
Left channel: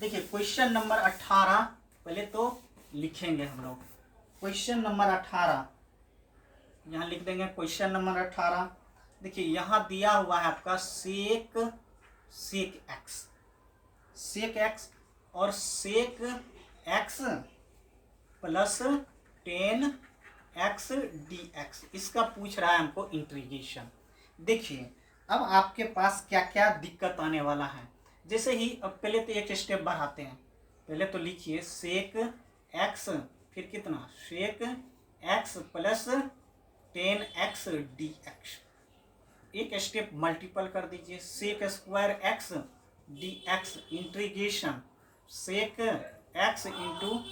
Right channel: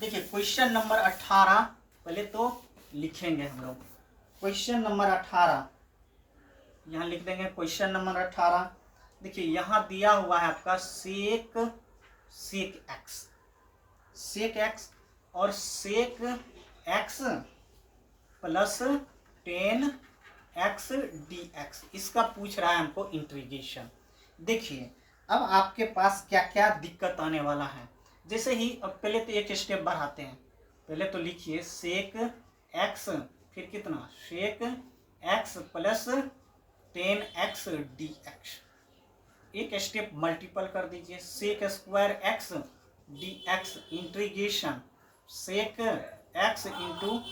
देखिए क्वेश्चन नंबर 18 पहले तो लिखेंगे हम लोग, क्वेश्चन नंबर 18 यहाँ लिख देंगे क्वेश्चन नंबर 18। देखिए यहाँ दिया हुआ है आपका सेक एक्स और सेक एक्स प्लस 10x dx, इसका पूछ रहा है हमको इंटीग्रेशन। देखिए अब आपके पास क्या क्या दिक्कत आने वाला है, जैसे ही अब पहले तो एक स्टेप बढ़ाते हैं, पहले तो लिखिए सेक एक्स फिर कितना sec x plus 10x dx, एक स्टेप मल्टीपल कर दीजिए sec square x dx integration sec x into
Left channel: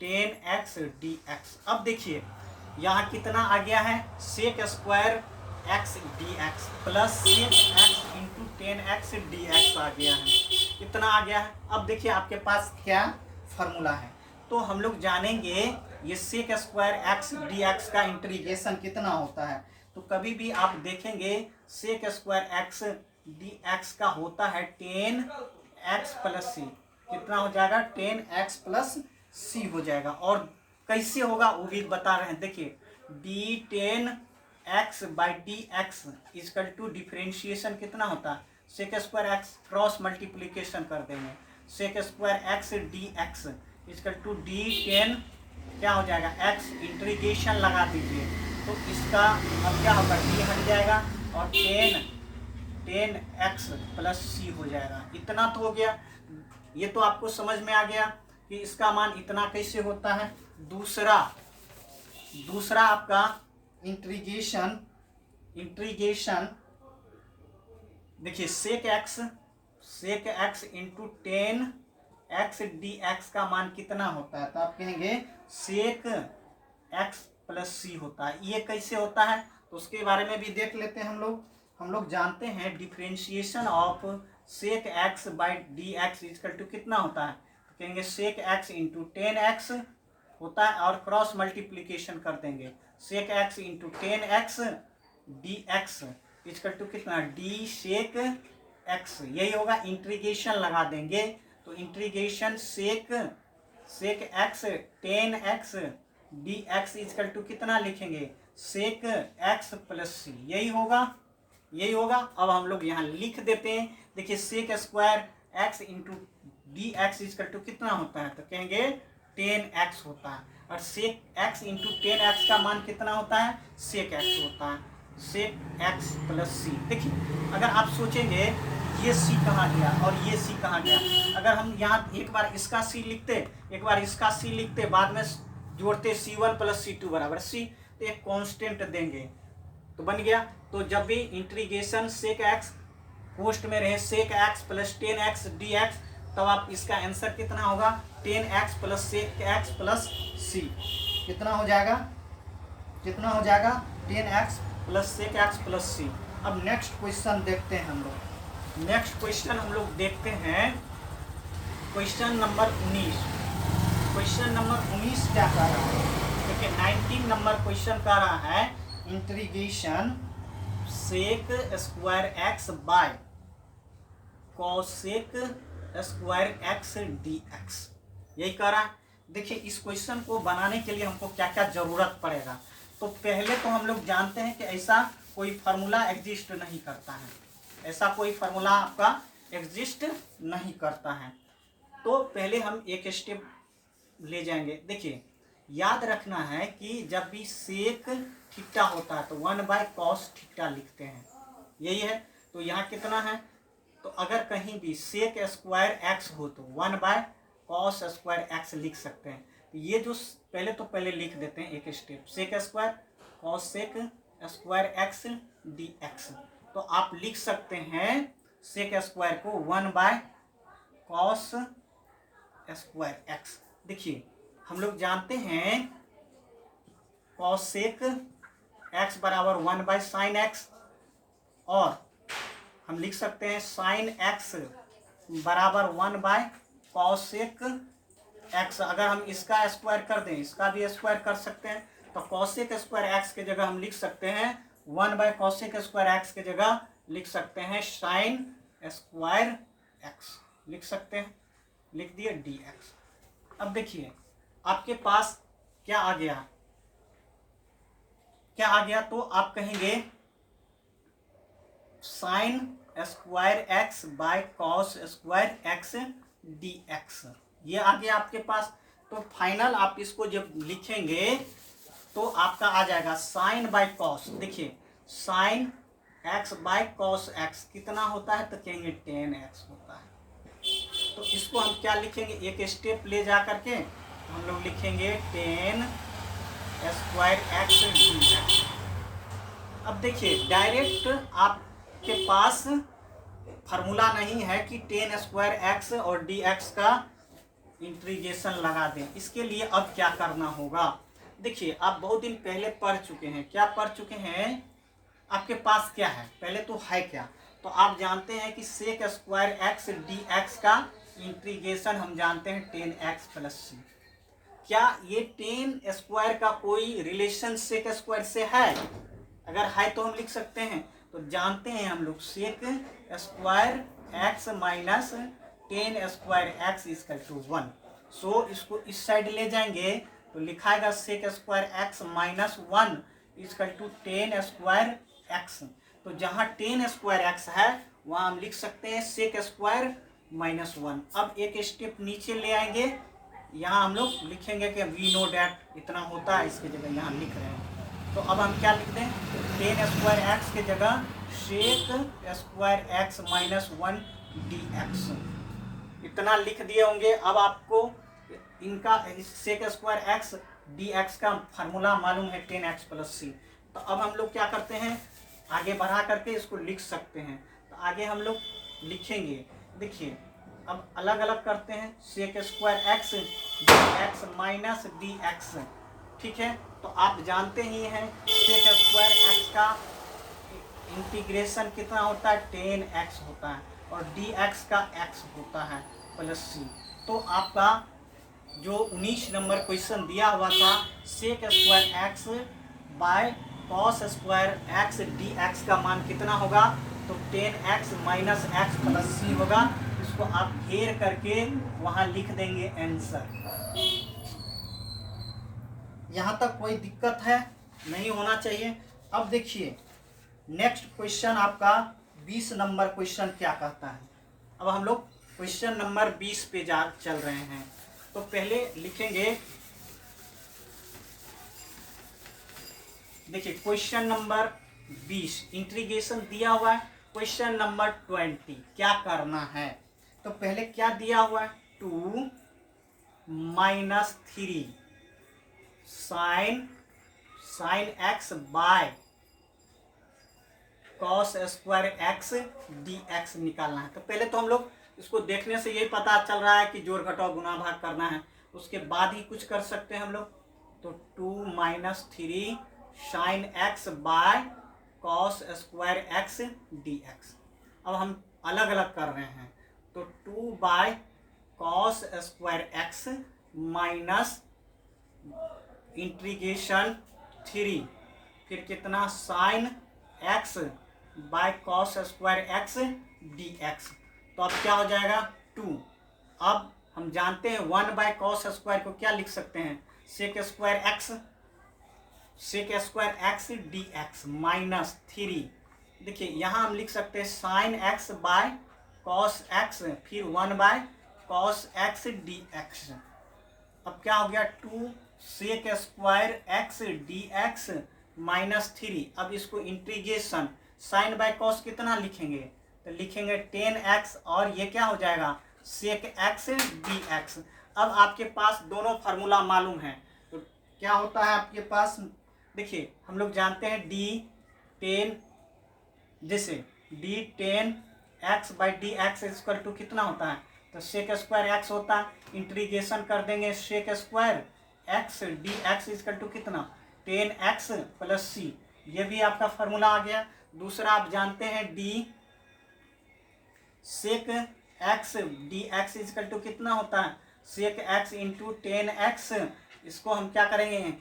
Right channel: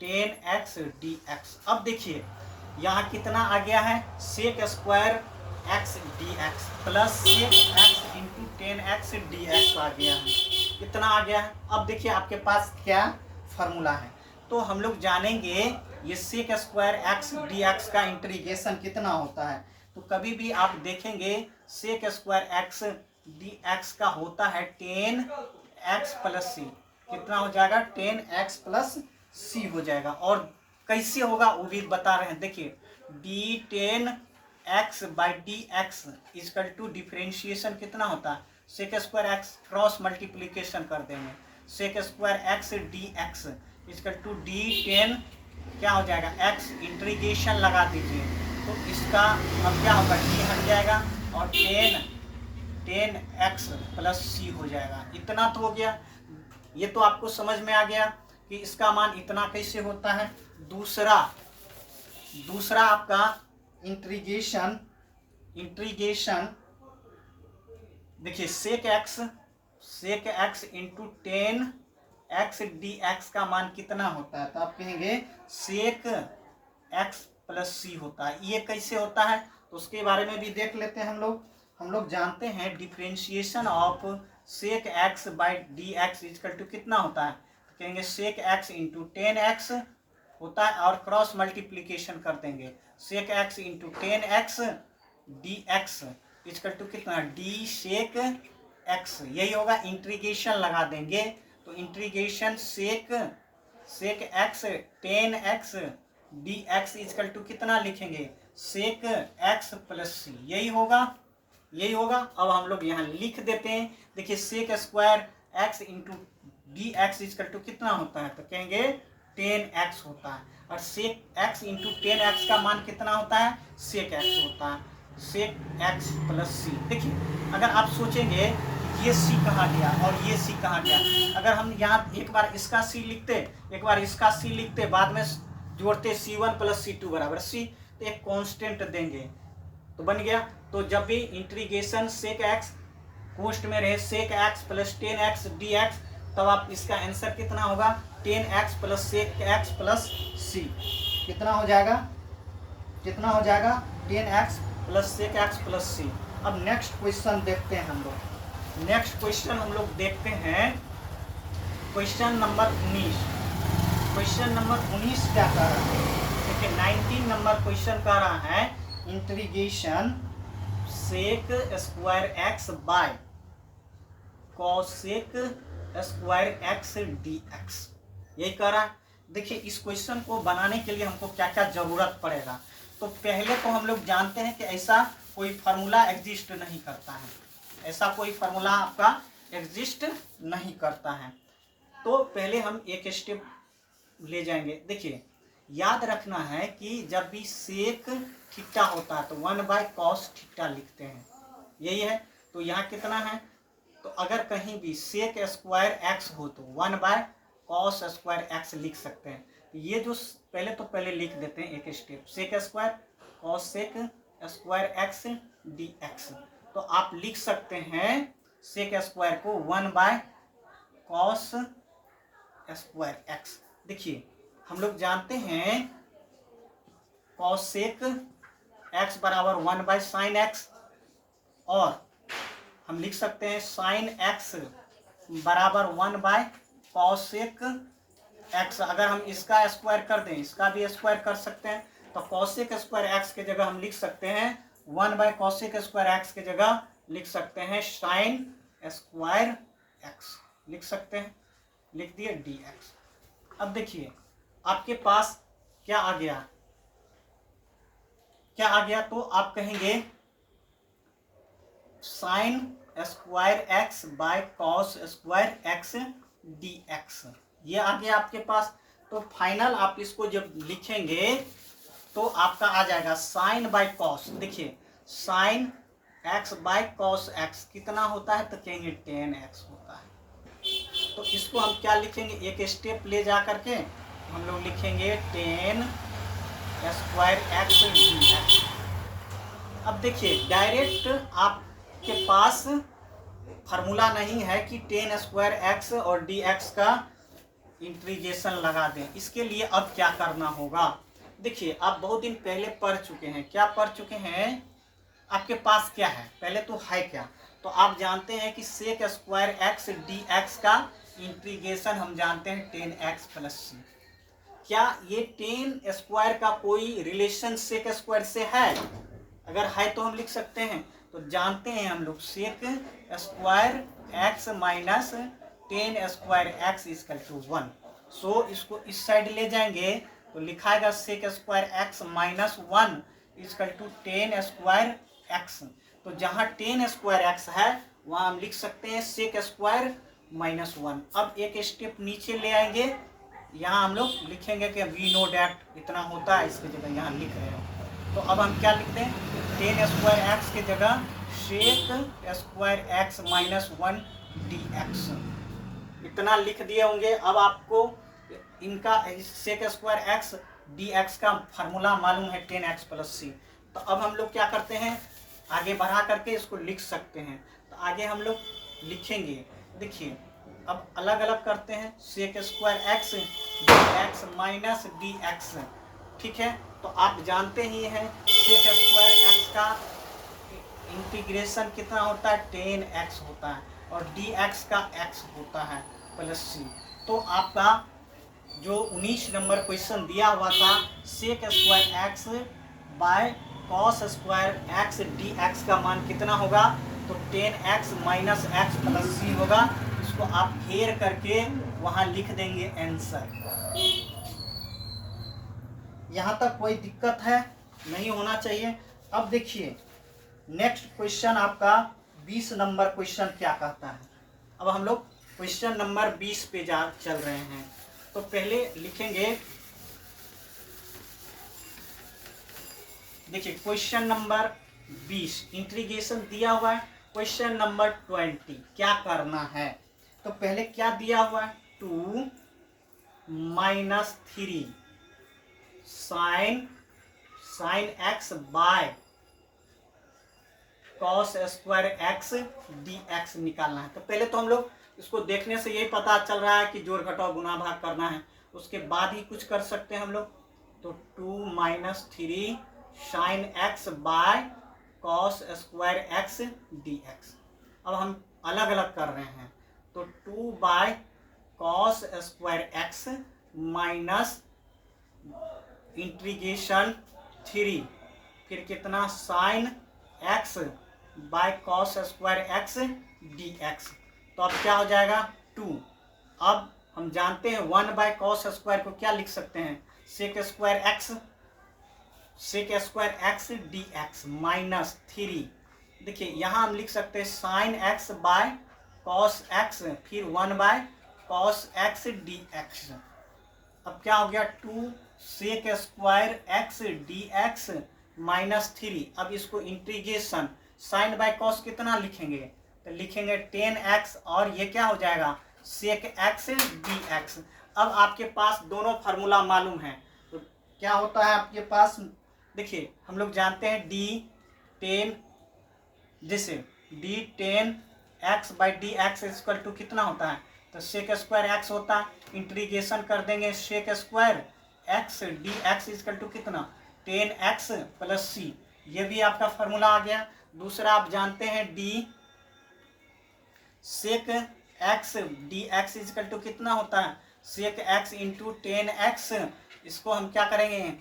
10x dx। अब देखिए यहाँ कितना आ गया है sec square x dx plus sec x into 10x dx आ गया है, कितना आ गया है। अब देखिए आपके पास क्या फार्मूला है, तो हम लोग जानेंगे ये सेक स्क्वायर x dx का इंटीग्रेशन कितना होता है। तो कभी भी आप देखेंगे सेक स्क्वायर x dx का होता है 10x प्लस सी, कितना हो जाएगा 10x प्लस सी हो जाएगा। और कैसे होगा वो भी बता रहे हैं, देखिए d10x/dx इक्वल टू डिफरेंशिएशन कितना होता है sec square x cross multiplication कर देंगे sec square x dx equal to d10 क्या हो जाएगा x इंटीग्रेशन लगा दीजिए, तो इसका अब क्या होगा d हट जाएगा और 10x प्लस सी हो जाएगा। इतना तो हो गया, ये तो आपको समझ में आ गया कि इसका मान इतना कैसे होता है। दूसरा आपका इंटीग्रेशन देखिए सेक एक्स इंटू 10x dx का मान कितना होता है, तो आप कहेंगे सेक एक्स प्लस सी होता है। ये कैसे होता है तो उसके बारे में भी देख लेते हैं हम लोग जानते हैं differentiation of sec x by d x equal to कितना होता है, तो कहेंगे सेक एक्स इंटू 10x होता है और क्रॉस मल्टीप्लीकेशन कर देंगे sec x into 10x dx equal to कितना डी सेक एक्स, यही होगा। इंटीग्रेशन लगा देंगे तो integration sec x 10x dx equal to कितना लिखेंगे सेक एक्स प्लस सी, यही होगा। अब हम लोग यहाँ लिख देते हैं, देखिए sec square x into d x equal to कितना होता है, तो कहेंगे 10x होता है और सेक एक्स इंटू 10x का मान कितना होता है सेक एक्स होता है, सेक एक्स प्लस सी। देखिए अगर आप सोचेंगे ये सी कहाँ गया और ये सी कहाँ गया। अगर हम यहाँ एक बार इसका सी लिखते, एक बार इसका सी लिखते, बाद में जोड़ते C1 + C2 बराबर सी, तो एक कांस्टेंट देंगे तो बन गया। तो जब भी इंटीग्रेशन सेक एक्स पोस्ट में रहे सेक एक्स प्लस 10x dx, तब आप इसका आंसर कितना होगा 10x plus sec x plus c. कितना हो जाएगा, कितना हो जाएगा 10x plus sec x plus c. अब नेक्स्ट क्वेश्चन देखते हैं हम लोग। नेक्स्ट क्वेश्चन हम लोग देखते हैं क्वेश्चन नंबर 19। क्वेश्चन नंबर 19 क्या कह रहा है, देखिए 19 नंबर क्वेश्चन कह रहा है integration sec square x by cosec square x dx, यही कह रहा है। देखिए इस क्वेश्चन को बनाने के लिए हमको क्या क्या जरूरत पड़ेगा। तो पहले तो हम लोग जानते हैं कि ऐसा कोई फार्मूला एग्जिस्ट नहीं करता है, ऐसा कोई फार्मूला आपका एग्जिस्ट नहीं करता है। तो पहले हम एक स्टेप ले जाएंगे। देखिए याद रखना है कि जब भी सेक थीटा होता है तो 1/cos थीटा लिखते हैं, यही है। तो यहाँ कितना है, तो अगर कहीं भी सेक स्क्वायर एक्स हो तो 1/cos स्क्वायर एक्स लिख सकते हैं। तो ये जो पहले लिख देते हैं एक step, sec square cos sec square x dx। तो आप लिख सकते हैं सेक स्क्वायर को 1/cos स्क्वायर एक्स। देखिए हम लोग जानते हैं कॉसेक एक्स बराबर 1/sin x, और हम लिख सकते हैं sin x बराबर 1/cosec x। अगर हम इसका स्क्वायर कर दें, इसका भी स्क्वायर कर सकते हैं, तो cosec स्क्वायर एक्स के जगह हम लिख सकते हैं 1/cosec स्क्वायर एक्स के जगह लिख सकते हैं sin स्क्वायर एक्स, लिख सकते हैं, लिख दिए dx। अब देखिए आपके पास क्या आ गया, क्या आ गया, तो आप कहेंगे sine square x by cos square x dx, ये आ गया आपके पास। तो फाइनल आप इसको जब लिखेंगे तो आपका आ जाएगा साइन बाय कॉस। देखिए sign x by cos x कितना होता है, तो कहेंगे 10x होता है। तो इसको हम क्या लिखेंगे, एक स्टेप ले जा करके हम लोग लिखेंगे 10 स्क्वायर एक्स dx। अब देखिए डायरेक्ट आपके पास फार्मूला नहीं है कि 10 स्क्वायर एक्स और dx का इंटीग्रेशन लगा दें। इसके लिए अब क्या करना होगा, देखिए आप बहुत दिन पहले पढ़ चुके हैं। क्या पढ़ चुके हैं, आपके पास क्या है, पहले तो है क्या, तो आप जानते हैं कि सेक स्क्वायर एक्स dx का इंटीग्रेशन हम जानते हैं 10x प्लस सी। क्या ये 10 स्क्वायर का कोई रिलेशन सेक स्क्वायर से है, अगर है तो हम लिख सकते हैं। तो जानते हैं हम लोग sec square x minus 10 square x equal to 1। So इसको इस साइड ले जाएंगे तो लिखाएगा sec square x minus 1 equal to 10 square x. तो जहाँ 10 स्क्वायर एक्स है वहाँ हम लिख सकते हैं सेक स्क्वायर माइनस 1। अब एक स्टेप नीचे ले आएंगे, यहाँ हम लोग लिखेंगे कि वी नो डैट इतना होता है, इसकी जगह यहाँ लिख रहे हैं। तो अब हम क्या लिख दें, 10 स्क्वायर एक्स के जगह sec square x minus 1 dx, इतना लिख दिए होंगे। अब आपको इनका सेक स्क्वायर एक्स dx का फार्मूला मालूम है 10x प्लस सी। तो अब हम लोग क्या करते हैं, आगे बढ़ा करके इसको लिख सकते हैं। तो आगे हम लोग लिखेंगे, देखिए अब अलग अलग करते हैं, sec square x dx minus dx, ठीक है। तो आप जानते ही हैं सेक स्क्वायर एक्स का इंटीग्रेशन कितना होता है 10x होता है, और dx का x होता है प्लस सी। तो आपका जो 19 नंबर क्वेश्चन दिया हुआ था sec square x by cos square x dx का मान कितना होगा, तो 10x माइनस एक्स प्लस सी होगा। इसको आप घेर करके वहां लिख देंगे आंसर। यहाँ तक कोई दिक्कत है, नहीं होना चाहिए। अब देखिए नेक्स्ट क्वेश्चन आपका 20 नंबर क्वेश्चन क्या कहता है। अब हम लोग क्वेश्चन नंबर 20 पे चल रहे हैं। तो पहले लिखेंगे, देखिए क्वेश्चन नंबर 20 इंटीग्रेशन दिया हुआ है क्वेश्चन नंबर 20 क्या करना है। तो पहले क्या दिया हुआ है, 2 minus 3 sign x by cos square x d x निकालना है। तो पहले तो हम लोग इसको देखने से यही पता चल रहा है कि जोड़ घटाव गुणा भाग करना है, उसके बाद ही कुछ कर सकते हैं हम लोग। तो 2 minus 3 sign x by cos square x d x. अब हम अलग अलग कर रहे हैं, तो 2 bye cos square x minus integration 3 फिर कितना sign x by cos square x d x. तो अब क्या हो जाएगा 2। अब हम जानते हैं 1 बाय कॉस स्क्वायर को क्या लिख सकते हैं, sec square x d x minus 3। देखिए यहाँ हम लिख सकते हैं sine x by cos x फिर 1 by cos x d x. अब क्या हो गया 2 sec square x d x minus 3। अब इसको इंटीग्रेशन साइन बाय कॉस कितना लिखेंगे, तो लिखेंगे 10x और ये क्या हो जाएगा सेक एक्स डी एक्स। अब आपके पास दोनों फार्मूला मालूम है, तो क्या होता है आपके पास, देखिए हम लोग जानते हैं d10 जैसे d10 x by d x equal to कितना होता है, तो सेक स्क्वायर एक्स होता है, इंटीग्रेशन कर देंगे sec square x d x equal to कितना 10x प्लस सी। ये भी आपका फार्मूला आ गया। दूसरा आप जानते हैं d sec x d x equal to कितना होता है सेक एक्स इंटू 10x। इसको हम क्या करेंगे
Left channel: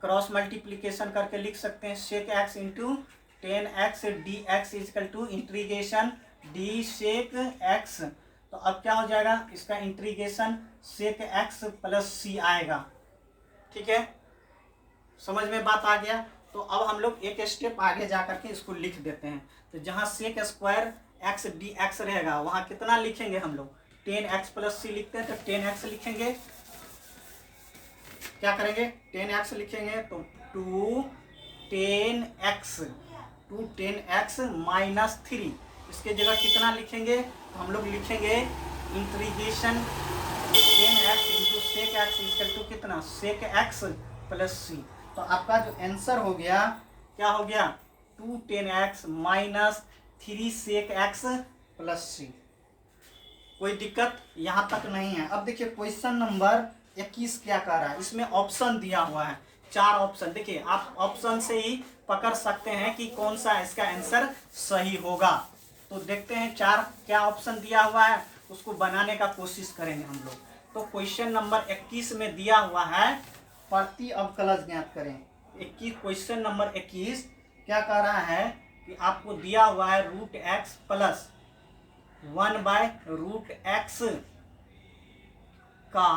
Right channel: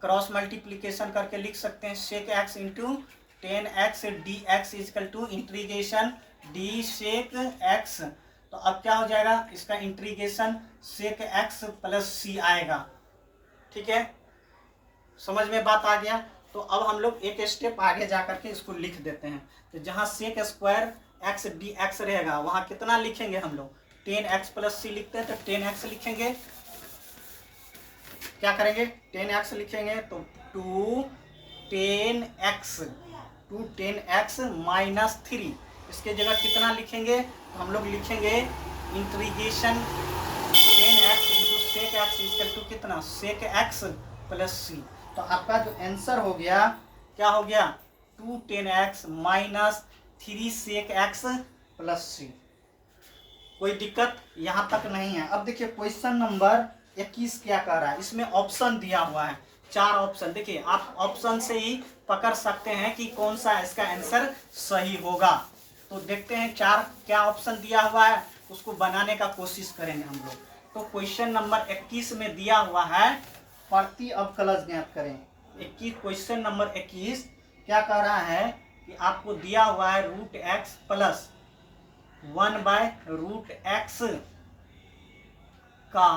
क्रॉस मल्टीप्लीकेशन करके लिख सकते हैं sec x into 10x d x equal to integration d sec x. तो अब क्या हो जाएगा इसका integration sec x plus c आएगा। ठीक है, समझ में बात आ गया। तो अब हम लोग एक स्टेप आगे जा करके इसको लिख देते हैं। तो जहाँ sec square x d x रहेगा वहाँ कितना लिखेंगे हम लोग 10x प्लस सी लिखते हैं, तो 10x लिखेंगे, क्या करेंगे 10x लिखेंगे, तो 2 10x माइनस 3। इसके जगह कितना लिखेंगे, तो हम लोग लिखेंगे integration 10x into sec x equal to कितना सेक एक्स प्लस सी। तो आपका जो आंसर हो गया क्या हो गया 2 10x minus 3 sec x plus c. कोई दिक्कत यहाँ तक नहीं है। अब देखिए क्वेश्चन नंबर 21 क्या कह रहा है, इसमें ऑप्शन दिया हुआ है 4 ऑप्शन। देखिए आप ऑप्शन से ही पकड़ सकते हैं कि कौन सा इसका आंसर सही होगा। तो देखते हैं 4 क्या ऑप्शन दिया हुआ है, उसको बनाने का कोशिश करेंगे हम लोग। तो क्वेश्चन नंबर 21 में दिया हुआ है प्रति अवकलज ज्ञात करें। 21 क्वेश्चन नंबर 21 क्या कह रहा है कि आपको दिया हुआ है root x plus 1 by root x का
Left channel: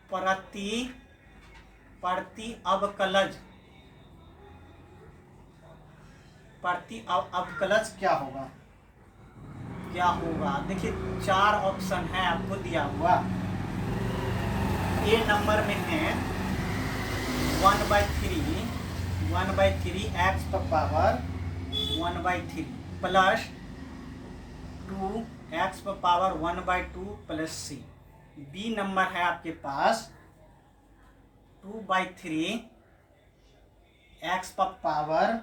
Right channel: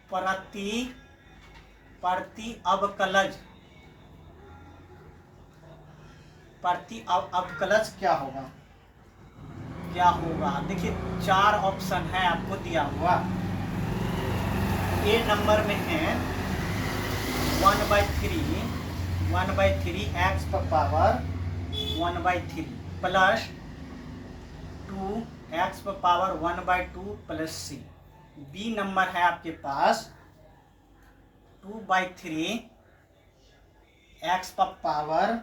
प्रति अवकलज क्या होगा। देखिए 4 ऑप्शन है आपको दिया हुआ। ए नंबर में है 1/3 एक्स पर पावर 1/3 प्लस 2 एक्स पर power 1/2 plus c. B number है आपके पास 2/3 एक्स पर power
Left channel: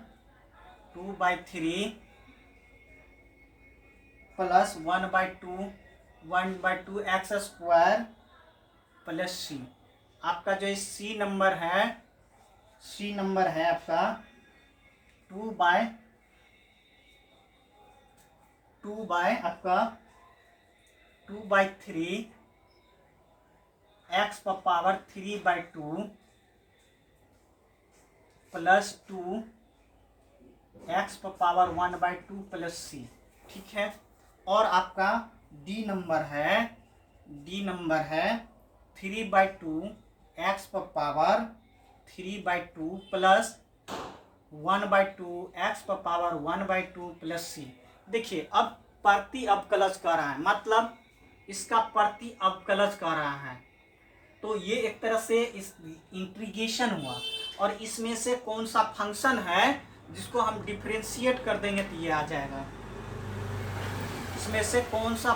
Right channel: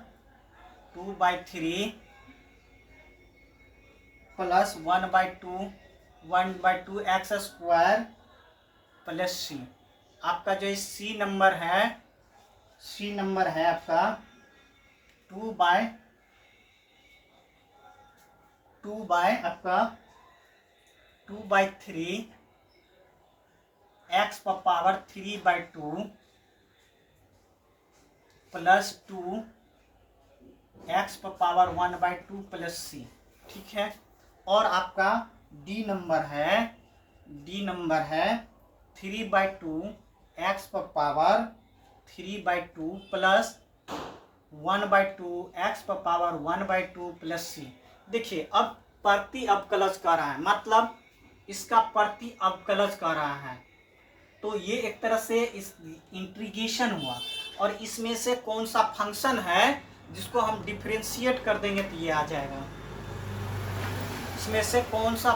2/3 plus 1/2 x square plus c. आपका जो सी नंबर है आपका 2/3 एक्स पर पावर 3/2 प्लस 2 एक्स पर पावर 1/2 प्लस सी। ठीक है, और आपका डी नंबर है 3/2 एक्स पर पावर 3/2 प्लस 1/2 एक्स पर पावर 1/2 प्लस सी। देखिए अब प्रति अवकलज कर रहा है, मतलब इसका प्रति अवकलज कर रहा है, तो ये एक तरह से इस इंटीग्रेशन हुआ। और इसमें से कौन सा फंक्शन है जिसको हम डिफरेंशिएट कर देंगे तो ये आ जाएगा। इसमें से कौन सा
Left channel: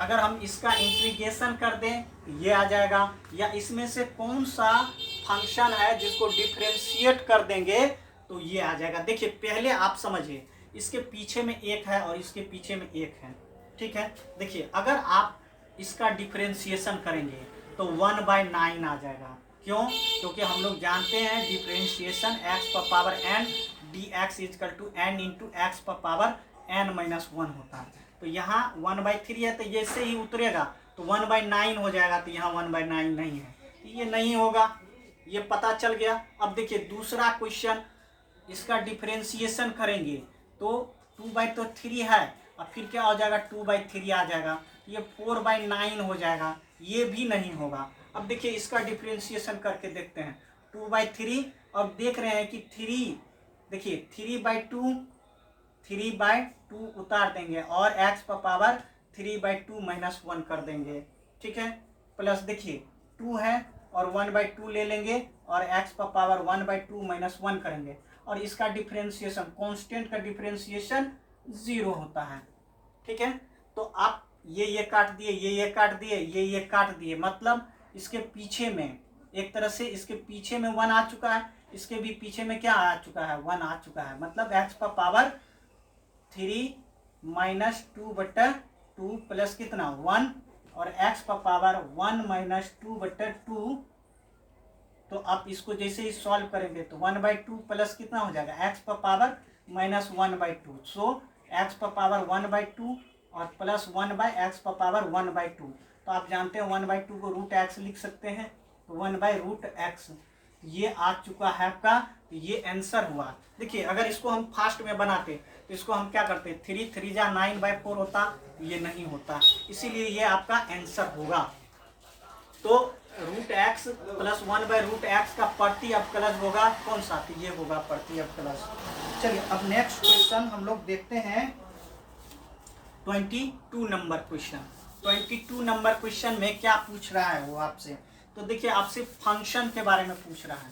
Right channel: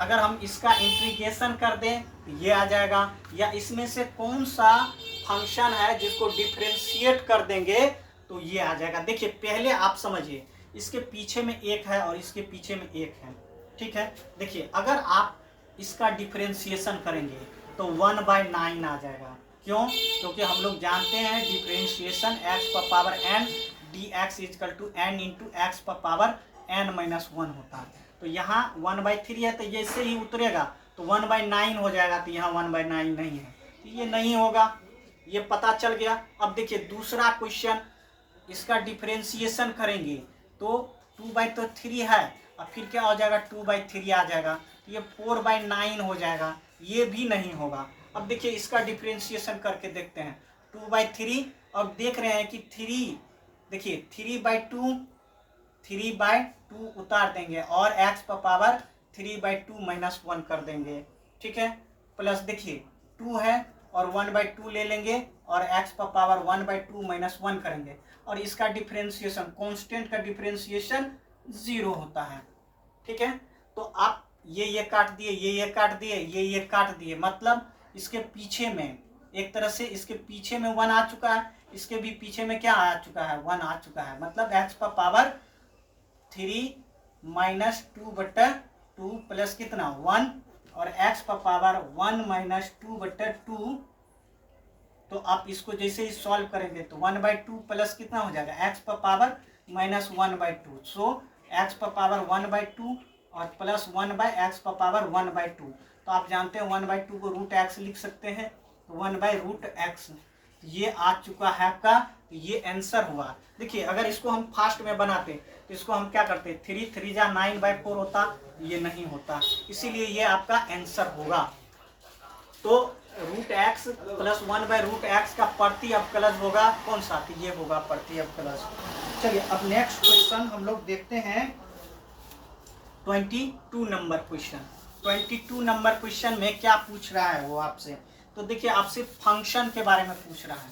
अगर हम इसका इंटीग्रेशन कर दें तो ये आ जाएगा, या इसमें से कौन सा फंक्शन है जिसको डिफरेंशिएट कर देंगे तो ये आ जाएगा। देखिए पहले आप समझिए, इसके पीछे में एक है और इसके पीछे में एक है, ठीक है। देखिए अगर आप इसका डिफरेंशिएशन करेंगे तो 1/9 आ जाएगा। क्यों? क्योंकि हम लोग जानते हैं डिफरेंशिएशन x पर power n dx equal to n into x पर पावर n-1 होता है। तो यहाँ 1/3 है तो ये इससे ही उतरेगा तो 1/9 हो जाएगा, तो यहाँ 1/9 नहीं है, तो ये नहीं होगा, ये पता चल गया। अब देखिए दूसरा क्वेश्चन, इसका डिफरेंशिएशन करेंगे तो 2/3 है, अब फिर क्या हो जाएगा 2/3 आ जाएगा, ये 4/9 हो जाएगा, ये भी नहीं होगा। अब देखिए इसका डिफरेंशिएशन करके देखते हैं 2/3, और देख रहे हैं कि 3, देखिए 3/2 उतार देंगे और x पर पावर 3/2-1 कर देंगे, ठीक है। प्लस देखिए 2 है और 1/2 ले लेंगे और x पर पावर 1/2-1 करेंगे, और इसका डिफरेंशिएशन, कांस्टेंट का डिफरेंशिएशन 0 होता है, ठीक है। तो आप ये काट दिए, ये काट दिए, ये काट दिए, मतलब इसके पीछे में एक तरह से इसके पीछे में 1 आ चुका है, इसके भी पीछे में क्या आ चुका है 1 आ चुका है, मतलब x पर पावर 3-2/2 प्लस कितना 1 और x पर पावर 1-2/2। तो आप इसको जैसे ही सॉल्व करेंगे तो 1/2 प्लस कितना हो जाएगा x पर पावर -1/2। सो x पर पावर 1/2 और प्लस 1/x पर पावर 1/2। तो आप जानते हैं 1/2 को √x लिख सकते हैं, तो 1/√x ये आ चुका है आपका, तो ये आंसर हुआ। देखिए अगर इसको हम फास्ट में बनाते तो इसको हम क्या करते, 3 जा 9/4 होता, ये नहीं होता, इसीलिए ये आपका आंसर होगा। तो √x प्लस 1/√x का प्रति अवकलज होगा कौन सा, तो ये होगा प्रति अवकलज। चलिए अब नेक्स्ट क्वेश्चन हम लोग देखते हैं 22 नंबर क्वेश्चन। 22 नंबर क्वेश्चन में क्या पूछ रहा है वो आपसे, तो देखिए आपसे फंक्शन के बारे में पूछ रहा है।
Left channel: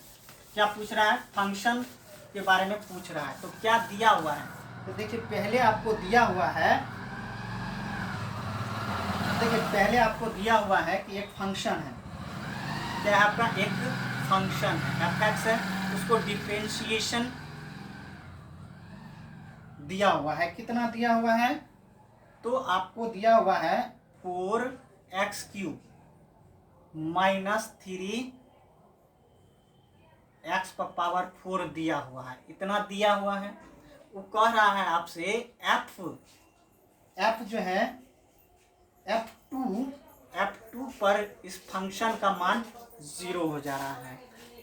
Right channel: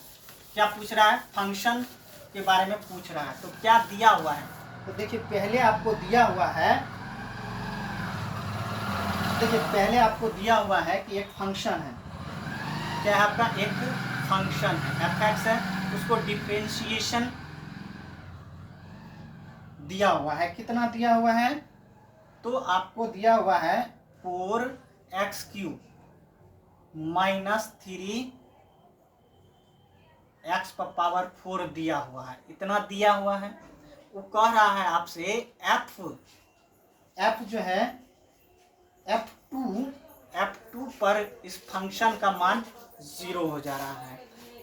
क्या पूछ रहा है, फंक्शन के बारे में पूछ रहा है। तो क्या दिया हुआ है, तो देखिए पहले आपको दिया हुआ है, देखिए पहले आपको दिया हुआ है कि एक फंक्शन है, क्या है आपका, एक फंक्शन है f(x) है, उसको डिफरेंशिएशन दिया हुआ है, कितना दिया हुआ है, तो आपको दिया हुआ है 4x³ -3 x पर पावर 4 दिया हुआ है, इतना दिया हुआ है। वो कह रहा है आपसे f जो है f2 पर इस फंक्शन का मान 0 हो जा रहा है,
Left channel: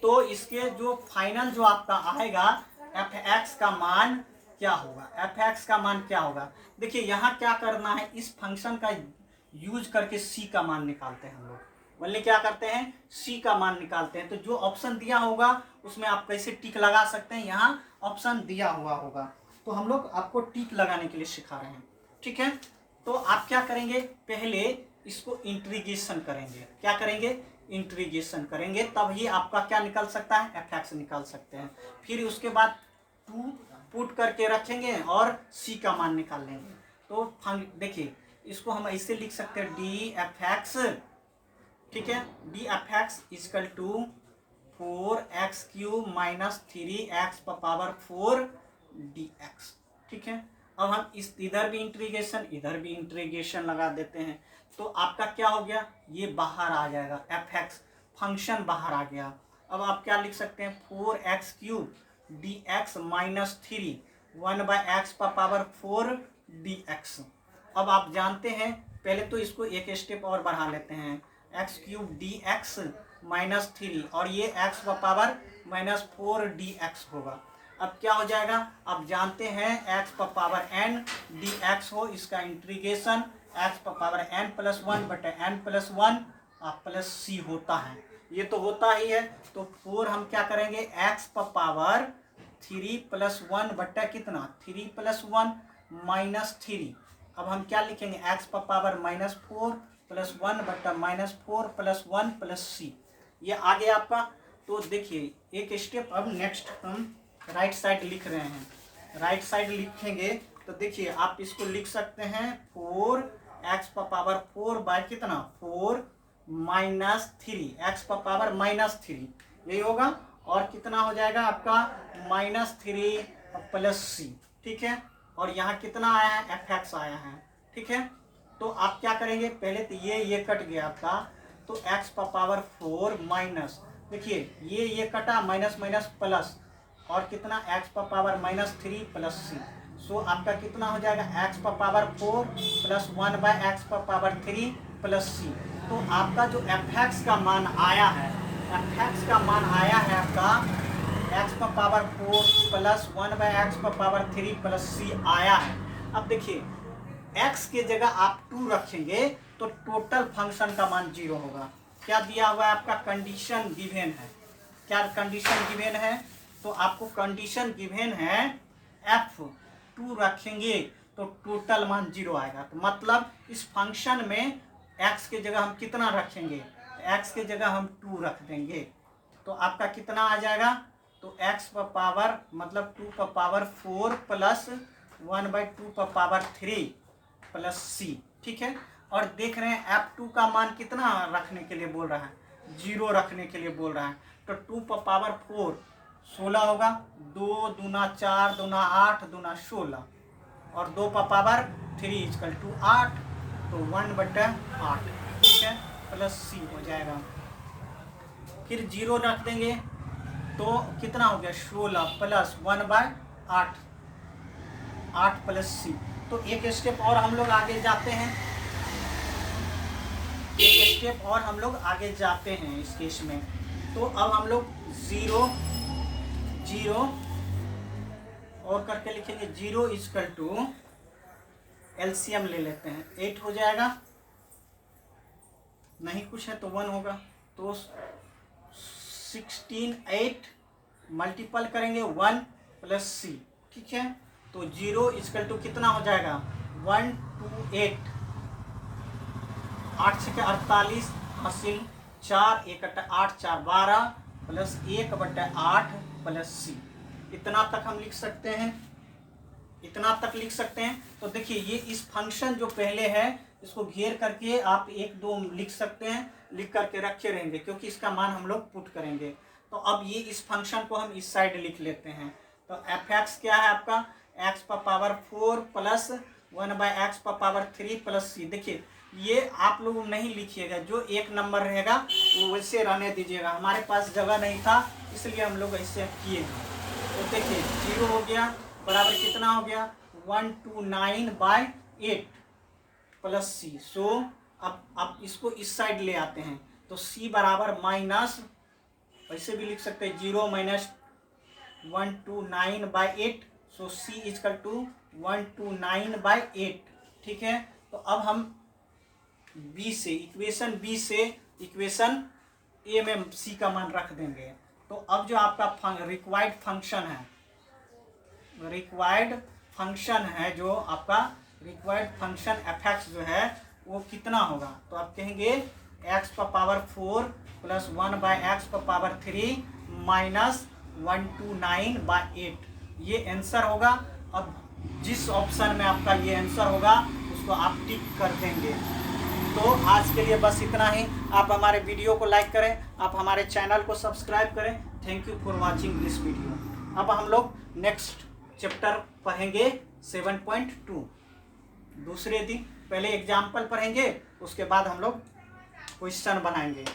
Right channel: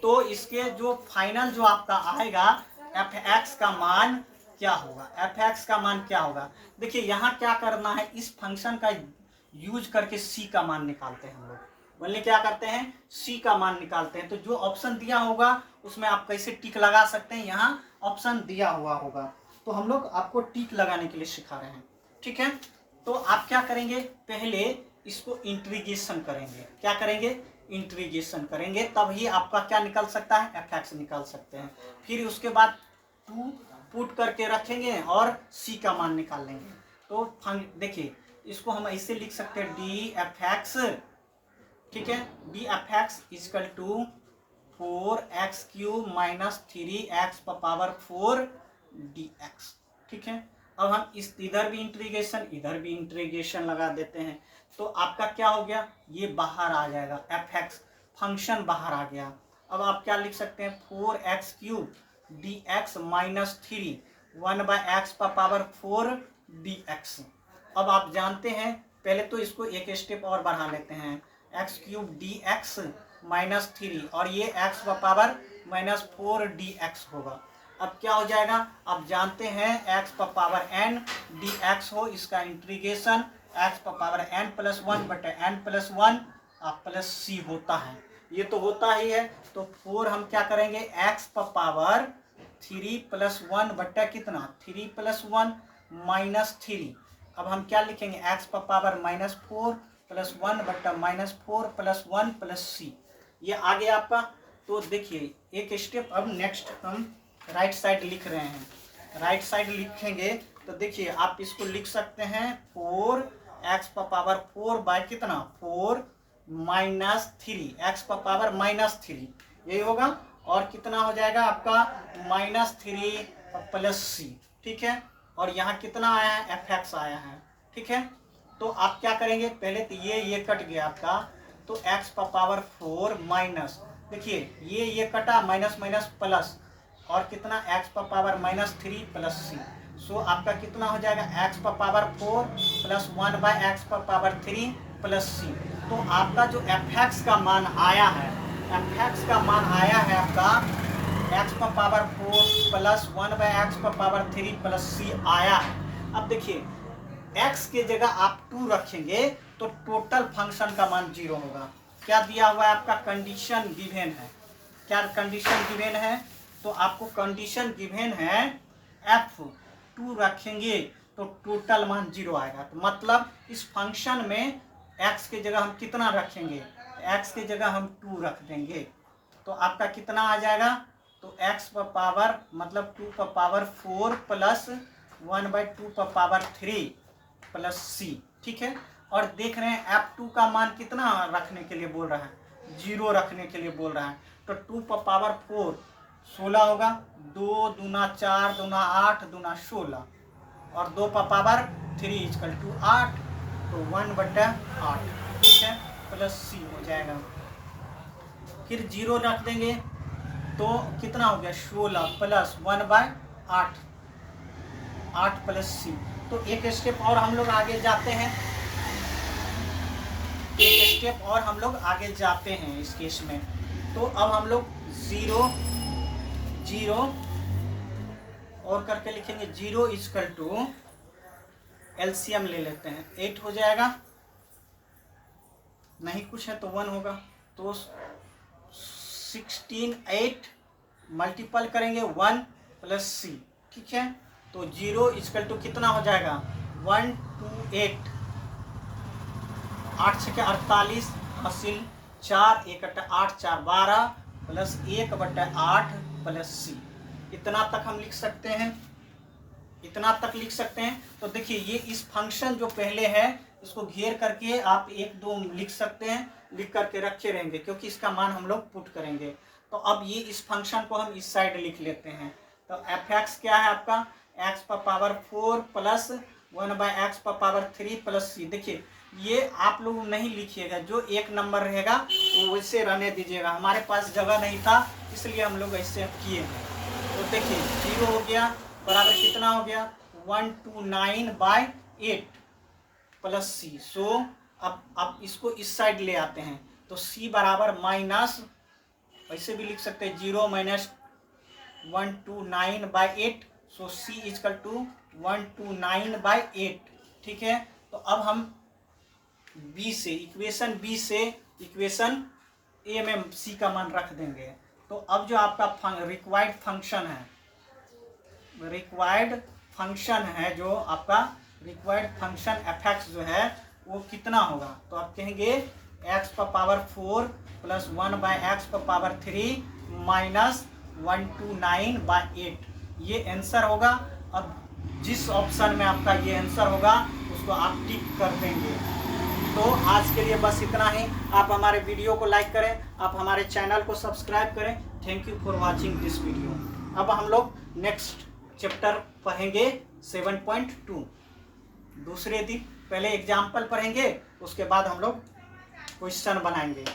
तो इसके जो फाइनल जो आपका आएगा f(x) का मान क्या होगा, f(x) का मान क्या होगा। देखिए यहाँ क्या करना है, इस फंक्शन का यूज करके c का मान निकालते हैं हम लोग, बोलिए क्या करते हैं, c का मान निकालते हैं। तो जो ऑप्शन दिया होगा उसमें आप कैसे टिक लगा सकते हैं, यहाँ ऑप्शन दिया हुआ होगा, तो हम लोग आपको टिक लगाने के लिए सिखा रहे हैं, ठीक है। तो आप क्या करेंगे, पहले इसको इंटीग्रेशन करेंगे, क्या करेंगे, इंटीग्रेशन करेंगे, तभी आपका क्या निकल सकता है, f(x) निकाल सकते हैं। फिर उसके बाद 2 पुट करके रखेंगे और c का मान निकाल लेंगे। तो देखिए इसको हम ऐसे लिख सकते हैं df(x), ठीक है, df(x) equal to 4x³ -3x पर पावर 4 dx, ठीक है। अब हम इस इधर भी इंटीग्रेशन इधर भी इंटीग्रेशन लगा देते हैं, तो आपका क्या हो गया, ये बाहर आ जाएगा, f(x) फंक्शन बाहर आ गया। अब आप क्या लिख सकते हैं, 4x³ dx -3 1/x पर पावर 4 dx। अब आप जानते हैं, पहले तो इसको एक स्टेप और बढ़ा लेते हैं, x³ dx -3 और ये x पर पावर -4 dx होगा। अब क्या हो जाएगा, अब जानते हैं x पर पावर n dx हो, इसका इंटीग्रेशन x पर पावर n+1 बटे n+1 प्लस c होता है, ये तो होता ही है। तो 4 हम क्या करेंगे, x पर पावर 3+1 बटा कितना 3+1 -3। अब हम क्या लिखेंगे, x पर पावर -4 + 1 बटा -4 + 1 + c, ये आ गया आपका। तो देखिए एक स्टेप अब नेक्स्ट हम राइट साइड लिख रहे हैं, राइट साइड लिखेंगे तो देखिए आप इसको लिख सकते हैं 4x⁴ बाय कितना 4 -3 x⁻³ यही होगा। और कितना हो जाएगा आपका -3 + c, ठीक है। और यहाँ कितना आया है fx आया है, ठीक है। तो आप क्या करेंगे, पहले तो ये कट गया आपका, तो x⁻⁴ माइनस, देखिए ये कटा माइनस माइनस प्लस, और कितना x⁻³ + c। सो आपका कितना हो जाएगा x⁻⁴ + 1/x⁻³ + c। तो आपका जो fx का मान आया है, fx का मान आया है आपका x⁻⁴ + 1/x⁻³ + c आया है। अब देखिए x के जगह आप 2 रखेंगे तो टोटल फंक्शन का मान 0 होगा। क्या दिया हुआ है आपका, कंडीशन गिवन है। क्या कंडीशन गिवन है, तो आपको कंडीशन गिवन है f2 रखेंगे तो टोटल मान 0 आएगा। तो मतलब इस फंक्शन में x के जगह हम कितना रखेंगे, x के जगह हम 2 रख देंगे तो आपका कितना आ जाएगा, तो x⁻, मतलब 2⁻4 + 1/2⁻³ + c, ठीक है। और देख रहे हैं f2 का मान कितना रखने के लिए बोल रहा है, 0 रखने के लिए बोल रहा है। तो 2⁻4 16 होगा, 2 दूना 4 दूना 8 दूना 16, और 2⁻3 = 8, तो 1/8, ठीक है, + c हो जाएगा। फिर 0 रख देंगे तो कितना हो गया 16 + 1/8, 8 + c। तो एक स्टेप और हम लोग आगे जाते हैं, एक स्टेप और हम लोग आगे जाते हैं इस केस में। तो अब हम लोग 0 0 और करके लिखेंगे, 0 = एलसीएम ले लेते हैं, 8 हो जाएगा, नहीं कुछ है तो 1 होगा, तो 16 8 मल्टीपल करेंगे 1 + c, ठीक है। तो 0 = कितना हो जाएगा 128, 8 × 48 हासिल, 4 1 8 4 12 + 1/8 + c। इतना तक हम लिख सकते हैं, इतना तक लिख सकते हैं। तो देखिए ये इस फंक्शन जो पहले है इसको घेर करके आप 1 2 लिख सकते हैं, लिख करके रखे रहेंगे क्योंकि इसका मान हम लोग पुट करेंगे। तो अब ये इस फंक्शन को हम इस साइड लिख लेते हैं। तो fx क्या है आपका x⁻⁴ + 1/x⁻³ + c। देखिए ये आप लोग नहीं लिखिएगा, जो 1 नंबर रहेगा वो वैसे रहने दीजिएगा, हमारे पास जगह नहीं था इसलिए हम लोग ऐसे किए हैं। तो देखिए 0 हो गया बराबर कितना हो गया 129/8 + c। सो अब इसको इस साइड ले आते हैं, तो c बराबर माइनस, ऐसे भी लिख सकते हैं 0 - 129/8, सो c = 129/8, ठीक है। तो अब हम इक्वेशन बी से इक्वेशन ए में c का मान रख देंगे। तो अब जो आपका रिक्वायर्ड फंक्शन है जो आपका रिक्वायर्ड फंक्शन fx जो है वो कितना होगा, तो आप कहेंगे x⁻⁴ + 1/x⁻³ - 129/8, ये आंसर होगा। अब जिस ऑप्शन में आपका ये आंसर होगा उसको आप टिक कर देंगे। तो आज के लिए बस इतना ही। आप हमारे वीडियो को लाइक करें, आप हमारे चैनल को सब्सक्राइब करें। Thank you for watching this video. अब हम लोग नेक्स्ट चैप्टर पढ़ेंगे 7.2 दूसरे दिन। पहले एग्जाम्पल पढ़ेंगे, उसके बाद हम लोग क्वेश्चन बनाएंगे।